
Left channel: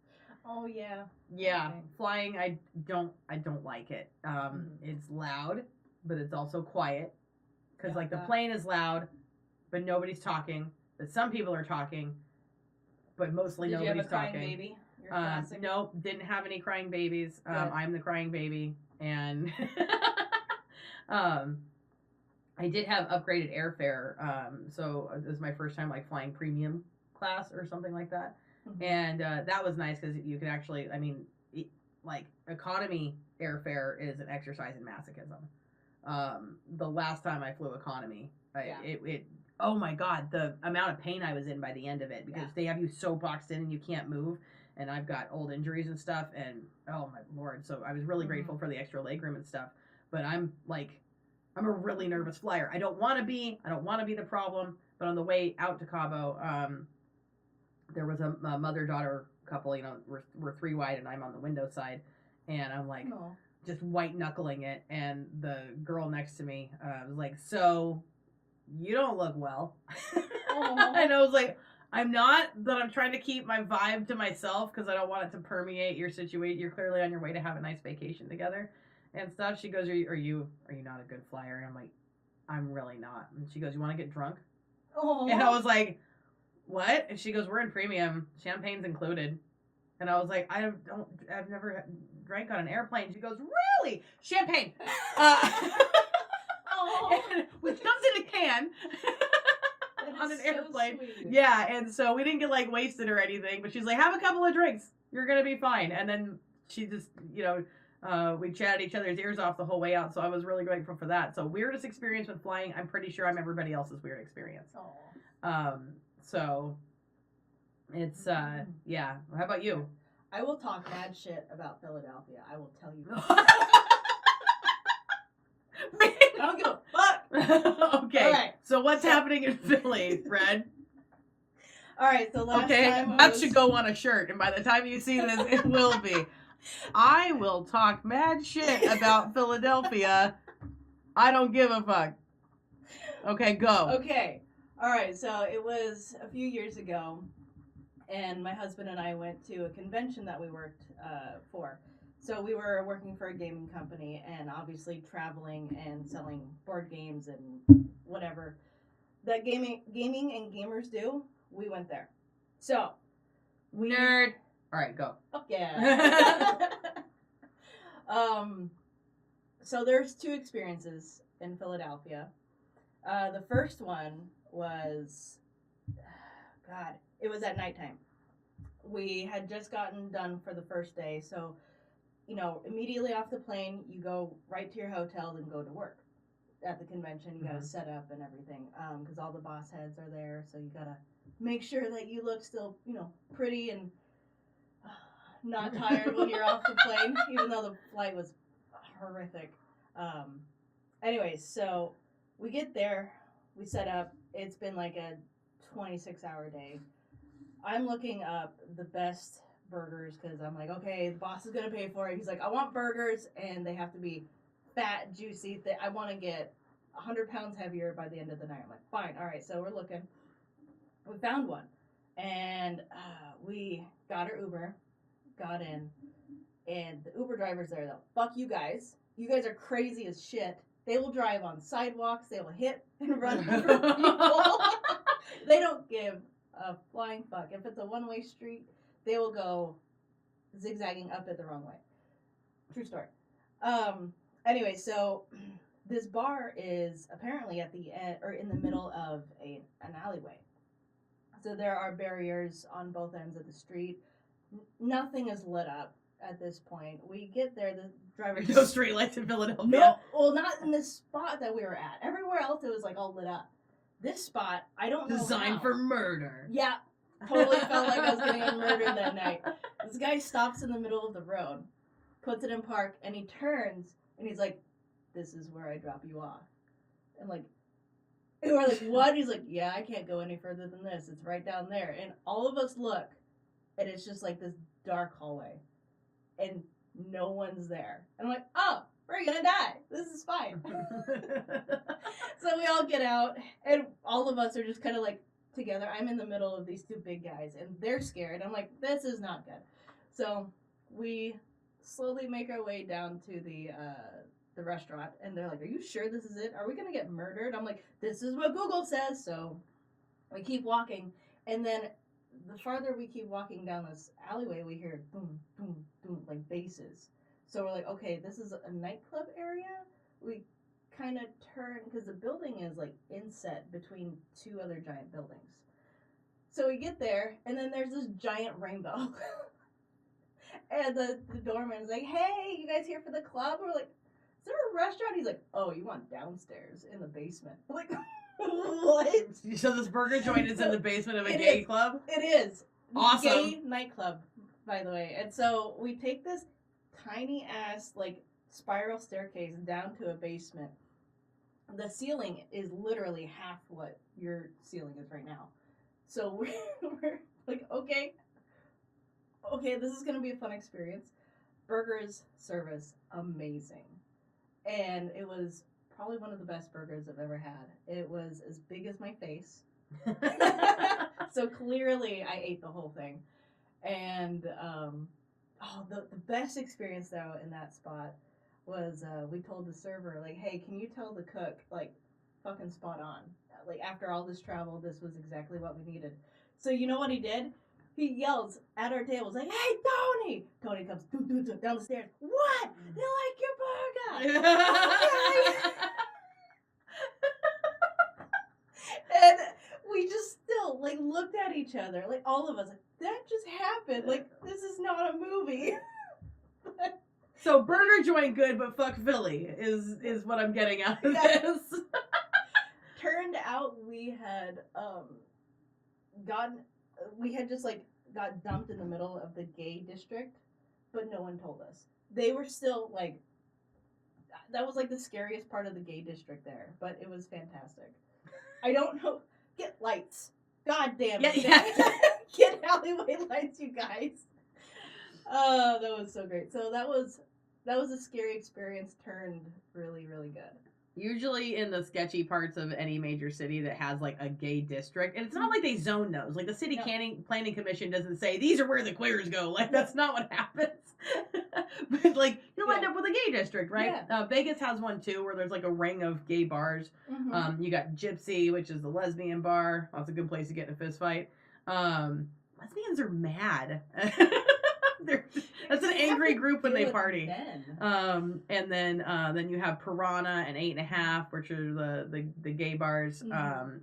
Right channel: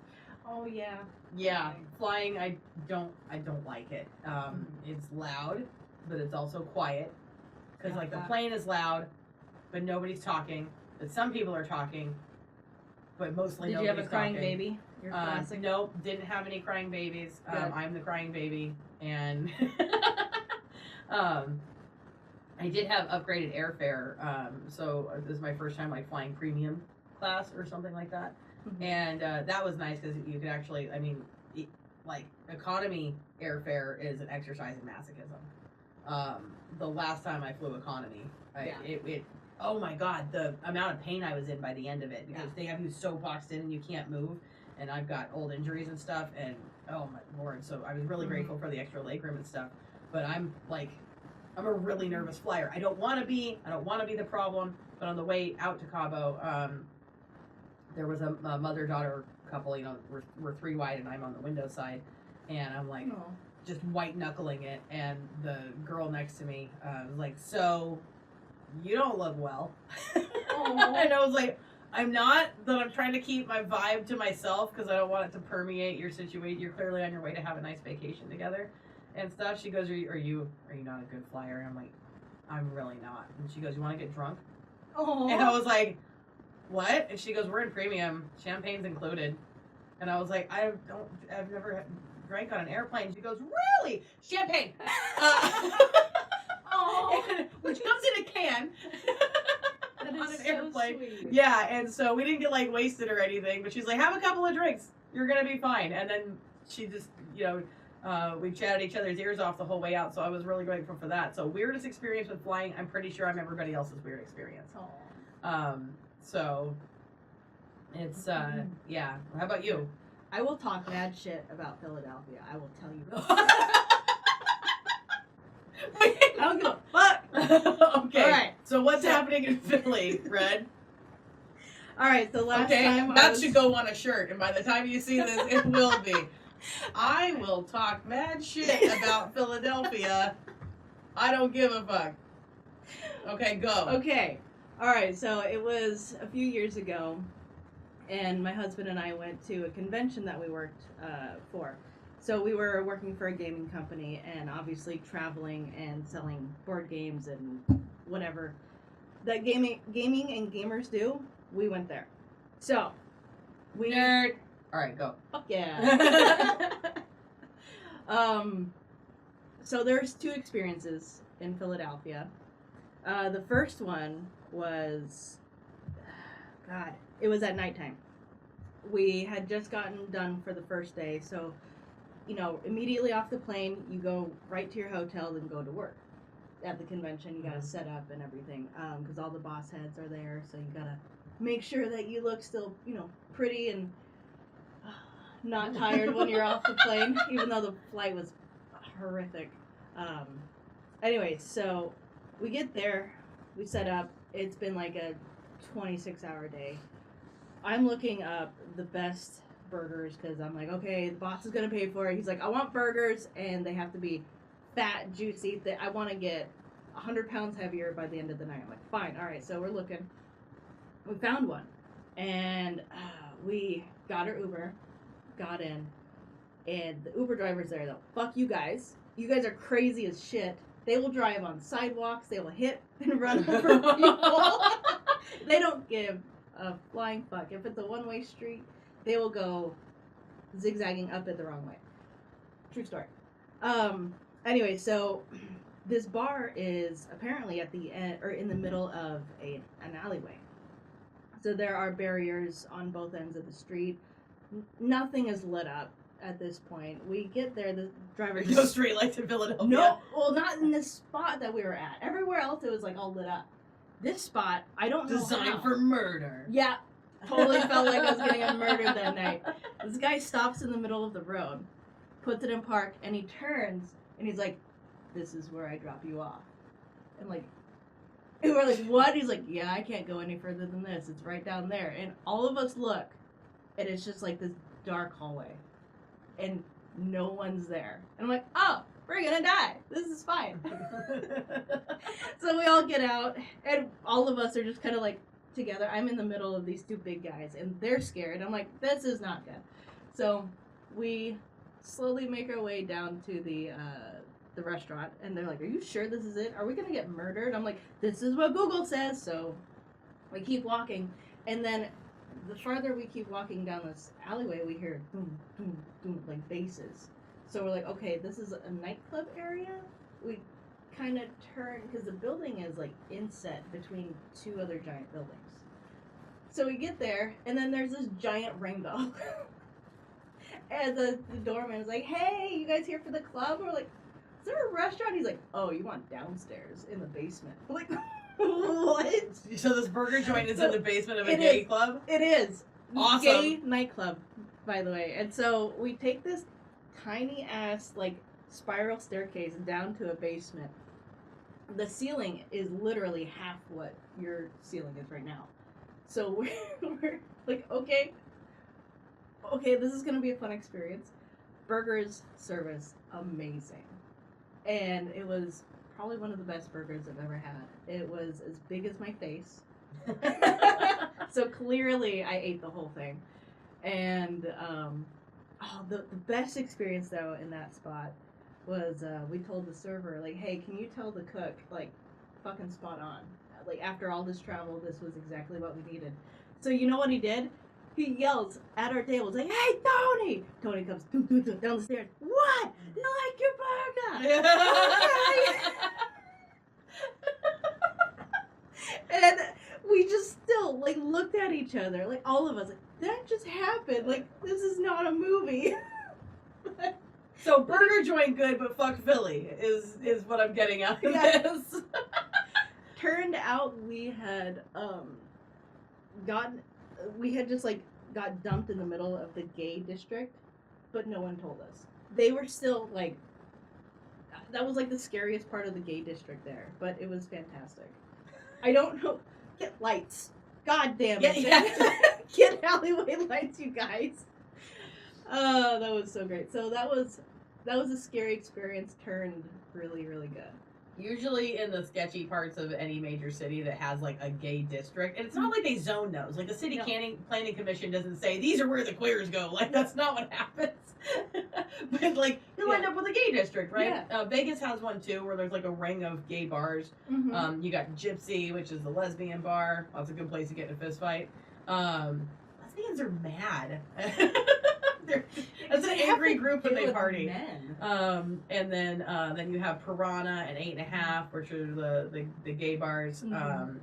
Oh yeah. Yeah, Okay. flying I don't like it. It's loud, but it's also quiet because Yeah, like the that. plane is loud, but nobody's talking. But some people are talking, but mostly Did you nobody's have a crying talking. baby? Your classic. Nope, didn't have any crying babies. Good. I'm the crying baby, and I did have upgraded airfare. So this is my first time like flying premium class or something like that, Mhm. and that was nice because you could actually, I mean, like economy airfare is an exercise in masochism. The last time I flew economy, it oh my god, the amount of pain I was in by the end of it, because they have you so boxed in and you can't move, and I've got old injuries and stuff, and oh my lord, so I was really grateful for the extra legroom and stuff, but I'm a really nervous flyer. I don't want to be the problem, but on the way out to Cabo, there was a mother-daughter couple, you know, we're three wide and I'm on the window side, and I'm like, just white knuckling it, and the girl next to me was like, so you don't look well. And I was like, I'm not, but I'm trying to keep my vibe to myself because I don't want it to permeate your situation. You're clearly on your way to have a nice vacation together and stuff. She goes, are you not a good flyer? And I'm like, I'm really not. And she goes, you want to get drunk? And I was like, what? And she goes, we're in premium, champagne's included. And I was like, I've never drank on an airplane. She goes, really? Champagne. Which comes in a can. On an airplane. Sweet. Yeah, and so we didn't get like wasted or anything, but she's like, have a couple of drinks, you're gonna be fine. And then she just, you know, we chatted each other's ears off the whole way out, so I was really grateful for that. So weirdest experience with flying, I'm pretty sure I'm everybody else's weird experience. So it's yeah. How about you? I will talk mad shit about Philadelphia. I will tell you. I don't give a fuck. Okay. All right. So what's happening in Philly, Fred? All right. So last time that should go on a shirt, and by the time you see this, it will be. I will talk mad shit about Philadelphia. I don't give a fuck. Okay, go. Okay. All right. So it was a few years ago, and my husband and I went to a convention that we worked for. So we were working for a gaming company, and obviously traveling and selling board games and whatever that gaming and gamers do. We went there. So we Nerd. All right, go. Fuck yeah. So there's two experiences in Philadelphia. The first one was, God, it was at nighttime. We had just gotten done for the first day, so, you know, immediately off the plane, you go right to your hotel, then go to work. At the convention, you gotta set up and everything, because all the boss heads are there, so you gotta make sure that you look still, you know, pretty and not tired when you're off the plane, even though the flight was horrific. Anyways, so we get there, we set up. It's been like a 26-hour day. I'm looking up the best burgers because I'm like, okay, the boss is gonna pay for it. He's like, I want burgers and they have to be fat, juicy. I want to get 100 pounds heavier by the end of the night. I'm like, fine, all right. So we're looking. We found one, and we got our Uber, got in, and the Uber driver's there though. Fuck you guys. You guys are crazy as shit. They will drive on sidewalks. They will hit and run over people. They don't give a flying fuck. If it's a one-way street, they will go zigzagging up it the wrong way. True story. Anyway, so this bar is apparently at the end or in the middle of an alleyway. So there are barriers on both ends of the street. Nothing is lit up at this point. We get there, the driver There's no street lights in Philadelphia. No, well, not in this spot that we were at. Everywhere else, it was like all lit up. This spot, I don't know Designed how. for murder. Yeah, totally felt like I was getting murdered that night. This guy stops in the middle of the road, puts it in park, and he turns, and he's like, this is where I drop you off. And like, and we're like, what? He's like, yeah, I can't go any further than this. It's right down there. And all of us look, and it's just like this dark hallway. And no one's there. And I'm like, oh, we're gonna die. This is fine. So we all get out, and all of us are just kind of like together. I'm in the middle of these two big guys, and they're scared. I'm like, this is not good. So we slowly make our way down to the restaurant, and they're like, are you sure this is it? Are we gonna get murdered? I'm like, this is what Google says. So we keep walking, and then the farther we keep walking down this alleyway, we hear boom, boom, boom, like basses. So we're like, okay, this is a nightclub area. We kind of turn, because the building is like inset between two other giant buildings. So we get there, and then there's this giant rainbow. And the doorman was like, hey, you guys here for the club? We're like, is there a restaurant? He's like, oh, you want downstairs in the basement. I'm like, what? So this burger joint is in the basement of a It gay is. club? It is. Awesome. Gay nightclub, by the way. And so we take this tiny ass, like, spiral staircase down to a basement. The ceiling is literally half what your ceiling is right now. So we're like, okay, this is gonna be a fun experience. Burgers, service, amazing. And it was probably one of the best burgers I've ever had. It was as big as my face. So clearly I ate the whole thing. And the best experience though in that spot was we told the server, like, hey, can you tell the cook, like, fucking spot on. Like, after all this travel, this was exactly what we needed. So you know what he did? He yells at our table, like, hey, Tony! Tony comes down the stairs. What? You like your burger? Okay. And we just still, like, looked at each other, like, all of us, like, that just happened. Like, this is not a movie. So burger joint good, but fuck Philly is what I'm getting out of this. Turned out we had just like got dumped in the middle of the gay district, but no one told us. They were still like, that was like the scariest part of the gay district there, but it was fantastic. I don't know. Get lights. God damn it. Yeah. Get alleyway lights, you guys. Oh, that was so great. So that was a scary experience turned really, really good. Usually in the sketchy parts of any major city that has like a gay district, and it's not like they zone those. Like the city planning commission doesn't say these are where the queers go. Like that's not what happens. But like you'll end up with a gay district, right? Yeah. Vegas has one too, where there's like a ring of gay bars. Mm-hmm. You got Gypsy, which is the lesbian bar. That's a good place to get in a fist fight. Lesbians are mad. That's an angry group when they party. And then you have Piranha and 8.5, which are the gay bars,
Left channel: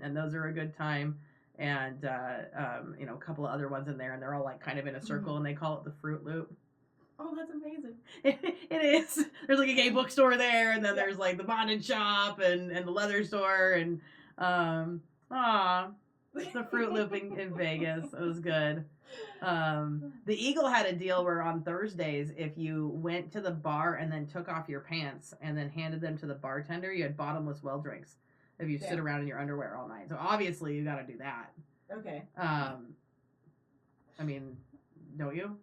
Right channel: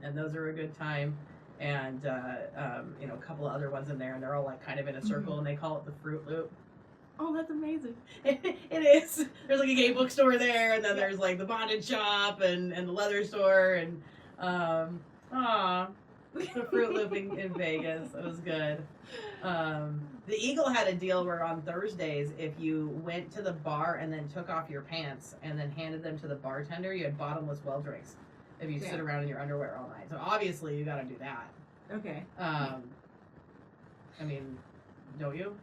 and those are a good time. And a couple of other ones in there, and they're all like kind of in a circle, and they call it the Fruit Loop. Oh, that's amazing. It is. There's like a gay bookstore there, and then there's like the bondage shop and the leather store, and the Fruit Loop in Vegas. It was good. The Eagle had a deal where on Thursdays, if you went to the bar and then took off your pants and then handed them to the bartender, you had bottomless well drinks if you sit around in your underwear all night. So obviously you got to do that. Okay. I mean, don't you?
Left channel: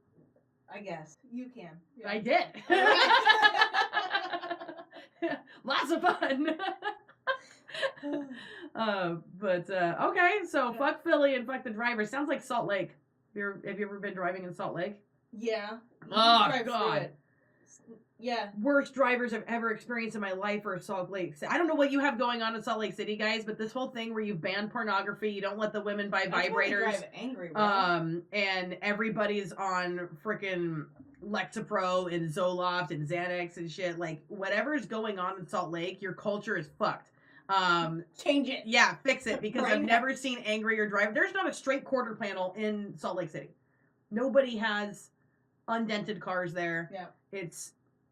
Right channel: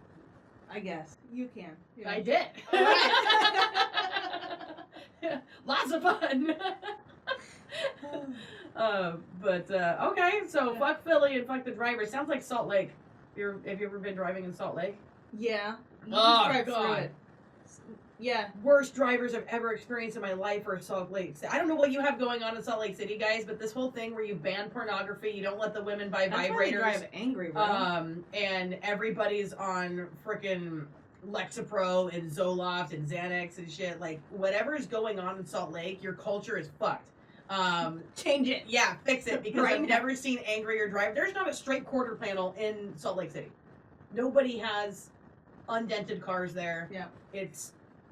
I guess you can. Yeah. I did. Lots of fun. Okay, so fuck Philly and fuck the driver. Sounds like Salt Lake. Have you ever been driving in Salt Lake? Yeah. You Oh, just drive through God. it. Yeah. Worst drivers I've ever experienced in my life are Salt Lake City. I don't know what you have going on in Salt Lake City, guys, but this whole thing where you ban pornography, you don't let the women buy That's why they vibrators. drive angry, bro. And everybody's on frickin' Lexapro and Zoloft and Xanax and shit. Like, whatever's going on in Salt Lake, your culture is fucked. Change it. Yeah, fix it, because Right I've now. never seen angrier drive. There's not a straight quarter panel in Salt Lake City. Nobody has undented cars there. Yeah.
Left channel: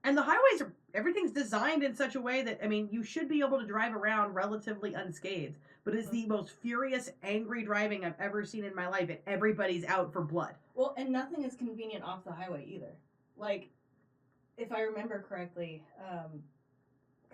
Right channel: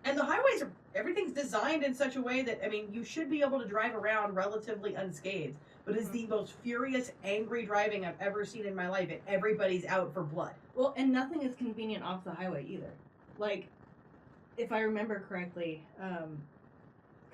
And the highways everything's designed in such a way that, I mean, you should be able to drive around relatively unscathed. But it's the most furious, angry driving I've ever seen in my life, and everybody's out for blood. Well, and nothing is convenient off the highway either. Like, if I remember correctly,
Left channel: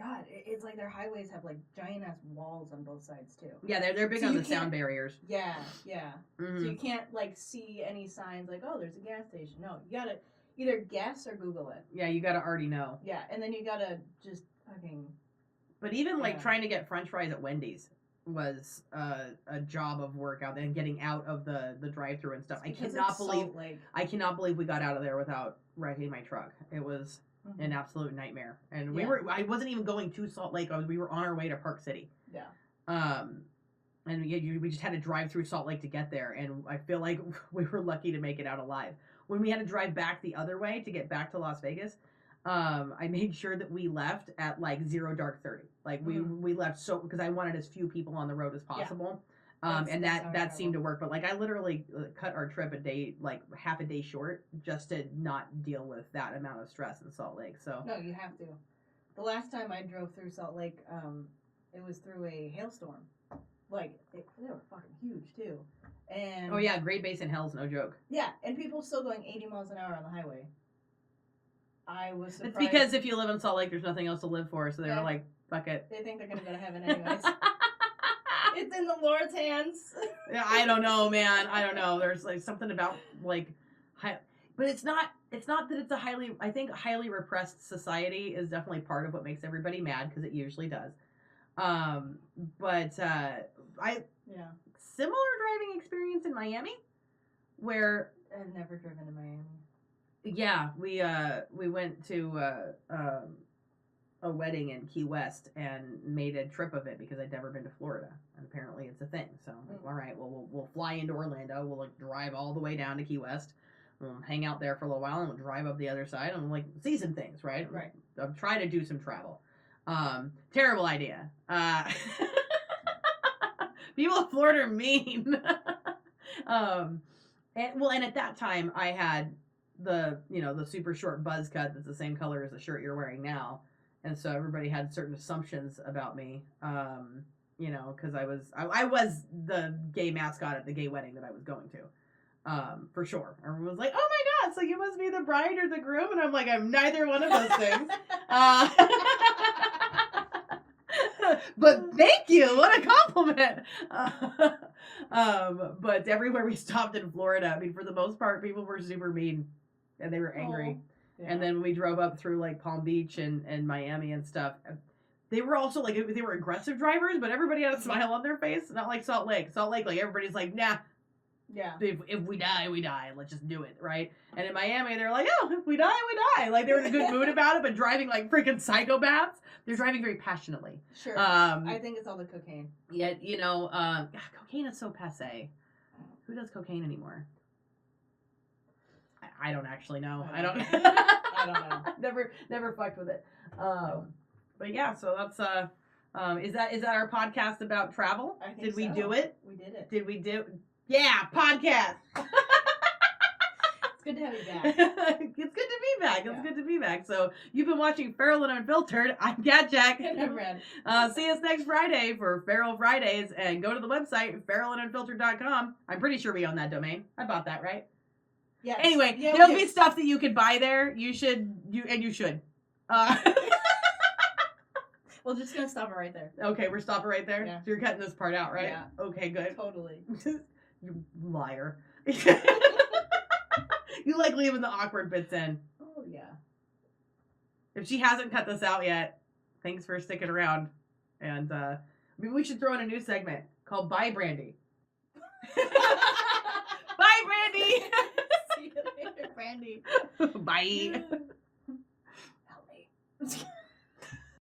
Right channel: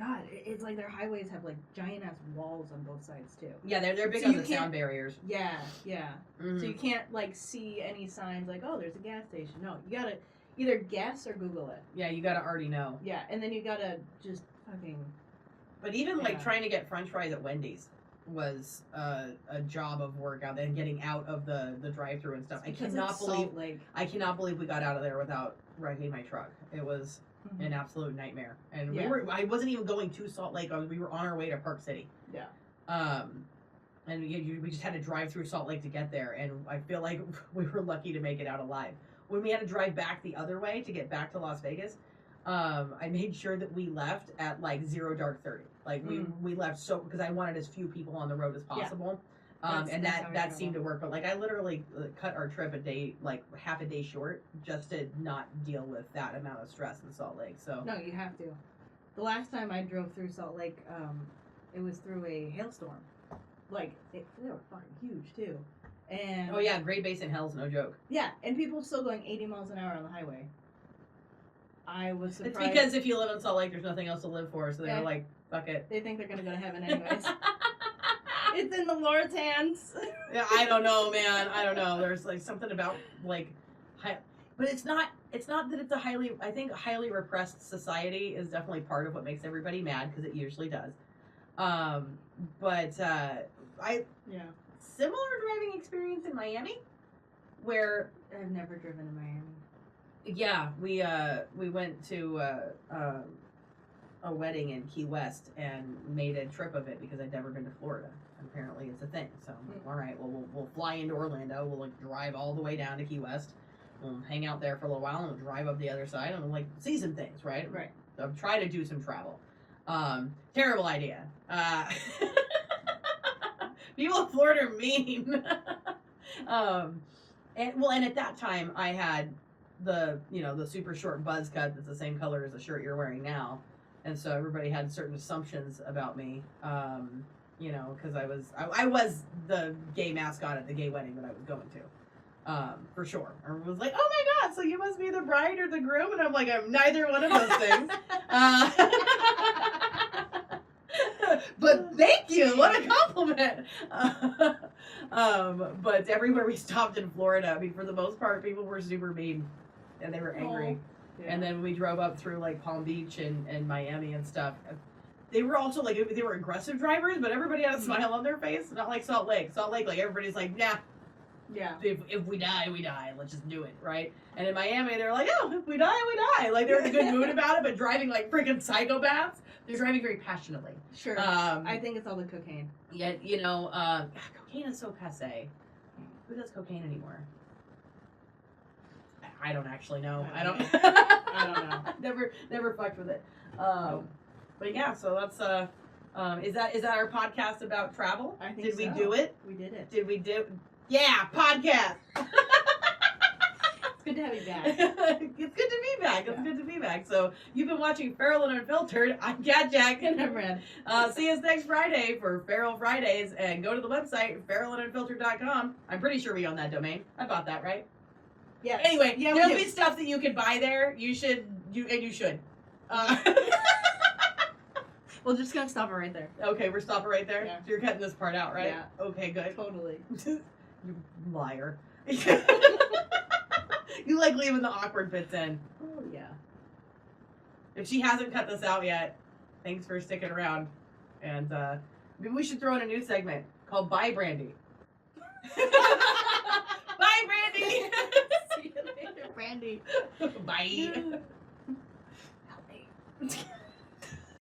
God, it's like their highways have like giant ass walls on both sides too. Yeah, they're big So on you the sound barriers. Yeah, yeah. Mhm. So you can't like see any signs like, oh, there's a gas station. No, you gotta either guess or Google it. Yeah, you gotta already know. Yeah, and then you gotta just fucking. But even like Yeah. trying to get French fries at Wendy's was a job of work out there, and getting out of the drive-through and stuff. I because cannot it's believe Salt Lake. we got out of there without wrecking my truck. It was an absolute nightmare. And Yeah. I wasn't even going to Salt Lake. We were on our way to Park City. Yeah. And we just had to drive through Salt Lake to get there, and I feel like we were lucky to make it out alive. When we had to drive back the other way to get back to Las Vegas, I made sure that we left at like 0 dark 30. Like we left because I wanted as few people on the road as possible. And That's how I that seemed to travel. work. But like I literally cut our trip a day, like half a day short, just to not deal with that amount of stress in Salt Lake. So No, you have to. The last time I drove through Salt Lake, it was through a hailstorm. Like, they were fucking huge, too. And oh yeah, Great Basin hell's no joke. yeah, and people still going 80 miles an hour on the highway. I was surprised. It's because if you live in Salt Lake, there's nothing else to live for, so they're Okay. like, fuck it. they think they're gonna go to heaven anyways. It's in the Lord's hands. Yeah, I don't know, man. I don't know. There's like something about like, but it's not that it's a highly repressed society is definitely part of what makes everybody mad because it usually does. But Yeah. similar driving experience in Miami, where I've never driven to Miami. yeah, we went to a wedding in Key West and made a trip of it because I'd never been to Florida. Apparently, it's a thing. So I'm like, all right, well, we'll fly into Orlando. We'll like drive all the way down to Key West. We'll hang out there for a little while and we'll drive up the other side and like see some things, right? Right. I'm trying to do some travel. Terrible idea. People in Florida are mean. And at that time I had the super short buzz cut that's the same color as the shirt you're wearing now, and so everybody had certain assumptions about me. Because I was the gay mascot at the gay wedding that I was going to. For sure. Everyone was like, "Oh my god, so you must be the bride or the groom?" And I'm like, "I'm neither one of those things." But thank you. What a compliment. But everywhere we stopped in Florida, I mean, for the most part, people were super mean and they were angry. Yeah. And then we drove up through like Palm Beach and Miami and stuff. They were also like, they were aggressive drivers, but everybody had a smile on their face. Not like Salt Lake. Salt Lake, like everybody's like, nah, Yeah. if we die, we die. Let's just do it, right? And in Miami, they're like, oh, if we die, we die. Like they're in a good mood about it, but driving like freaking psychopaths. They're driving very passionately. Sure. I think it's all the cocaine. Yeah, cocaine is so passe. Who does cocaine anymore? I don't actually know. I don't I don't know. Never fucked with it. But yeah, so that's is that our podcast about travel? I think Did we so. do it? We did it. Did we do? Yeah, podcast. It's good to have you back. It's good to be back. It's good to be back. So you've been watching Feral and Unfiltered. I'm Cat Jack. And I'm Red. See us next Friday for Feral Fridays, and go to the website feralandunfiltered.com. I'm pretty sure we own that domain. I bought that, right? Yes. Anyway, Yeah, there'll we be do. stuff that you can buy there. You should. We're just gonna stop it right there. Okay, we're stopping right there. Yeah. So you're cutting this part out, right? Yeah. Okay, good. Totally. You liar. You like leaving the awkward bits in. Oh yeah. If she hasn't cut this out yet, thanks for sticking around. And maybe we should throw in a new segment called Bye Brandy. Bye, Brandy. See you later, Brandy. Bye.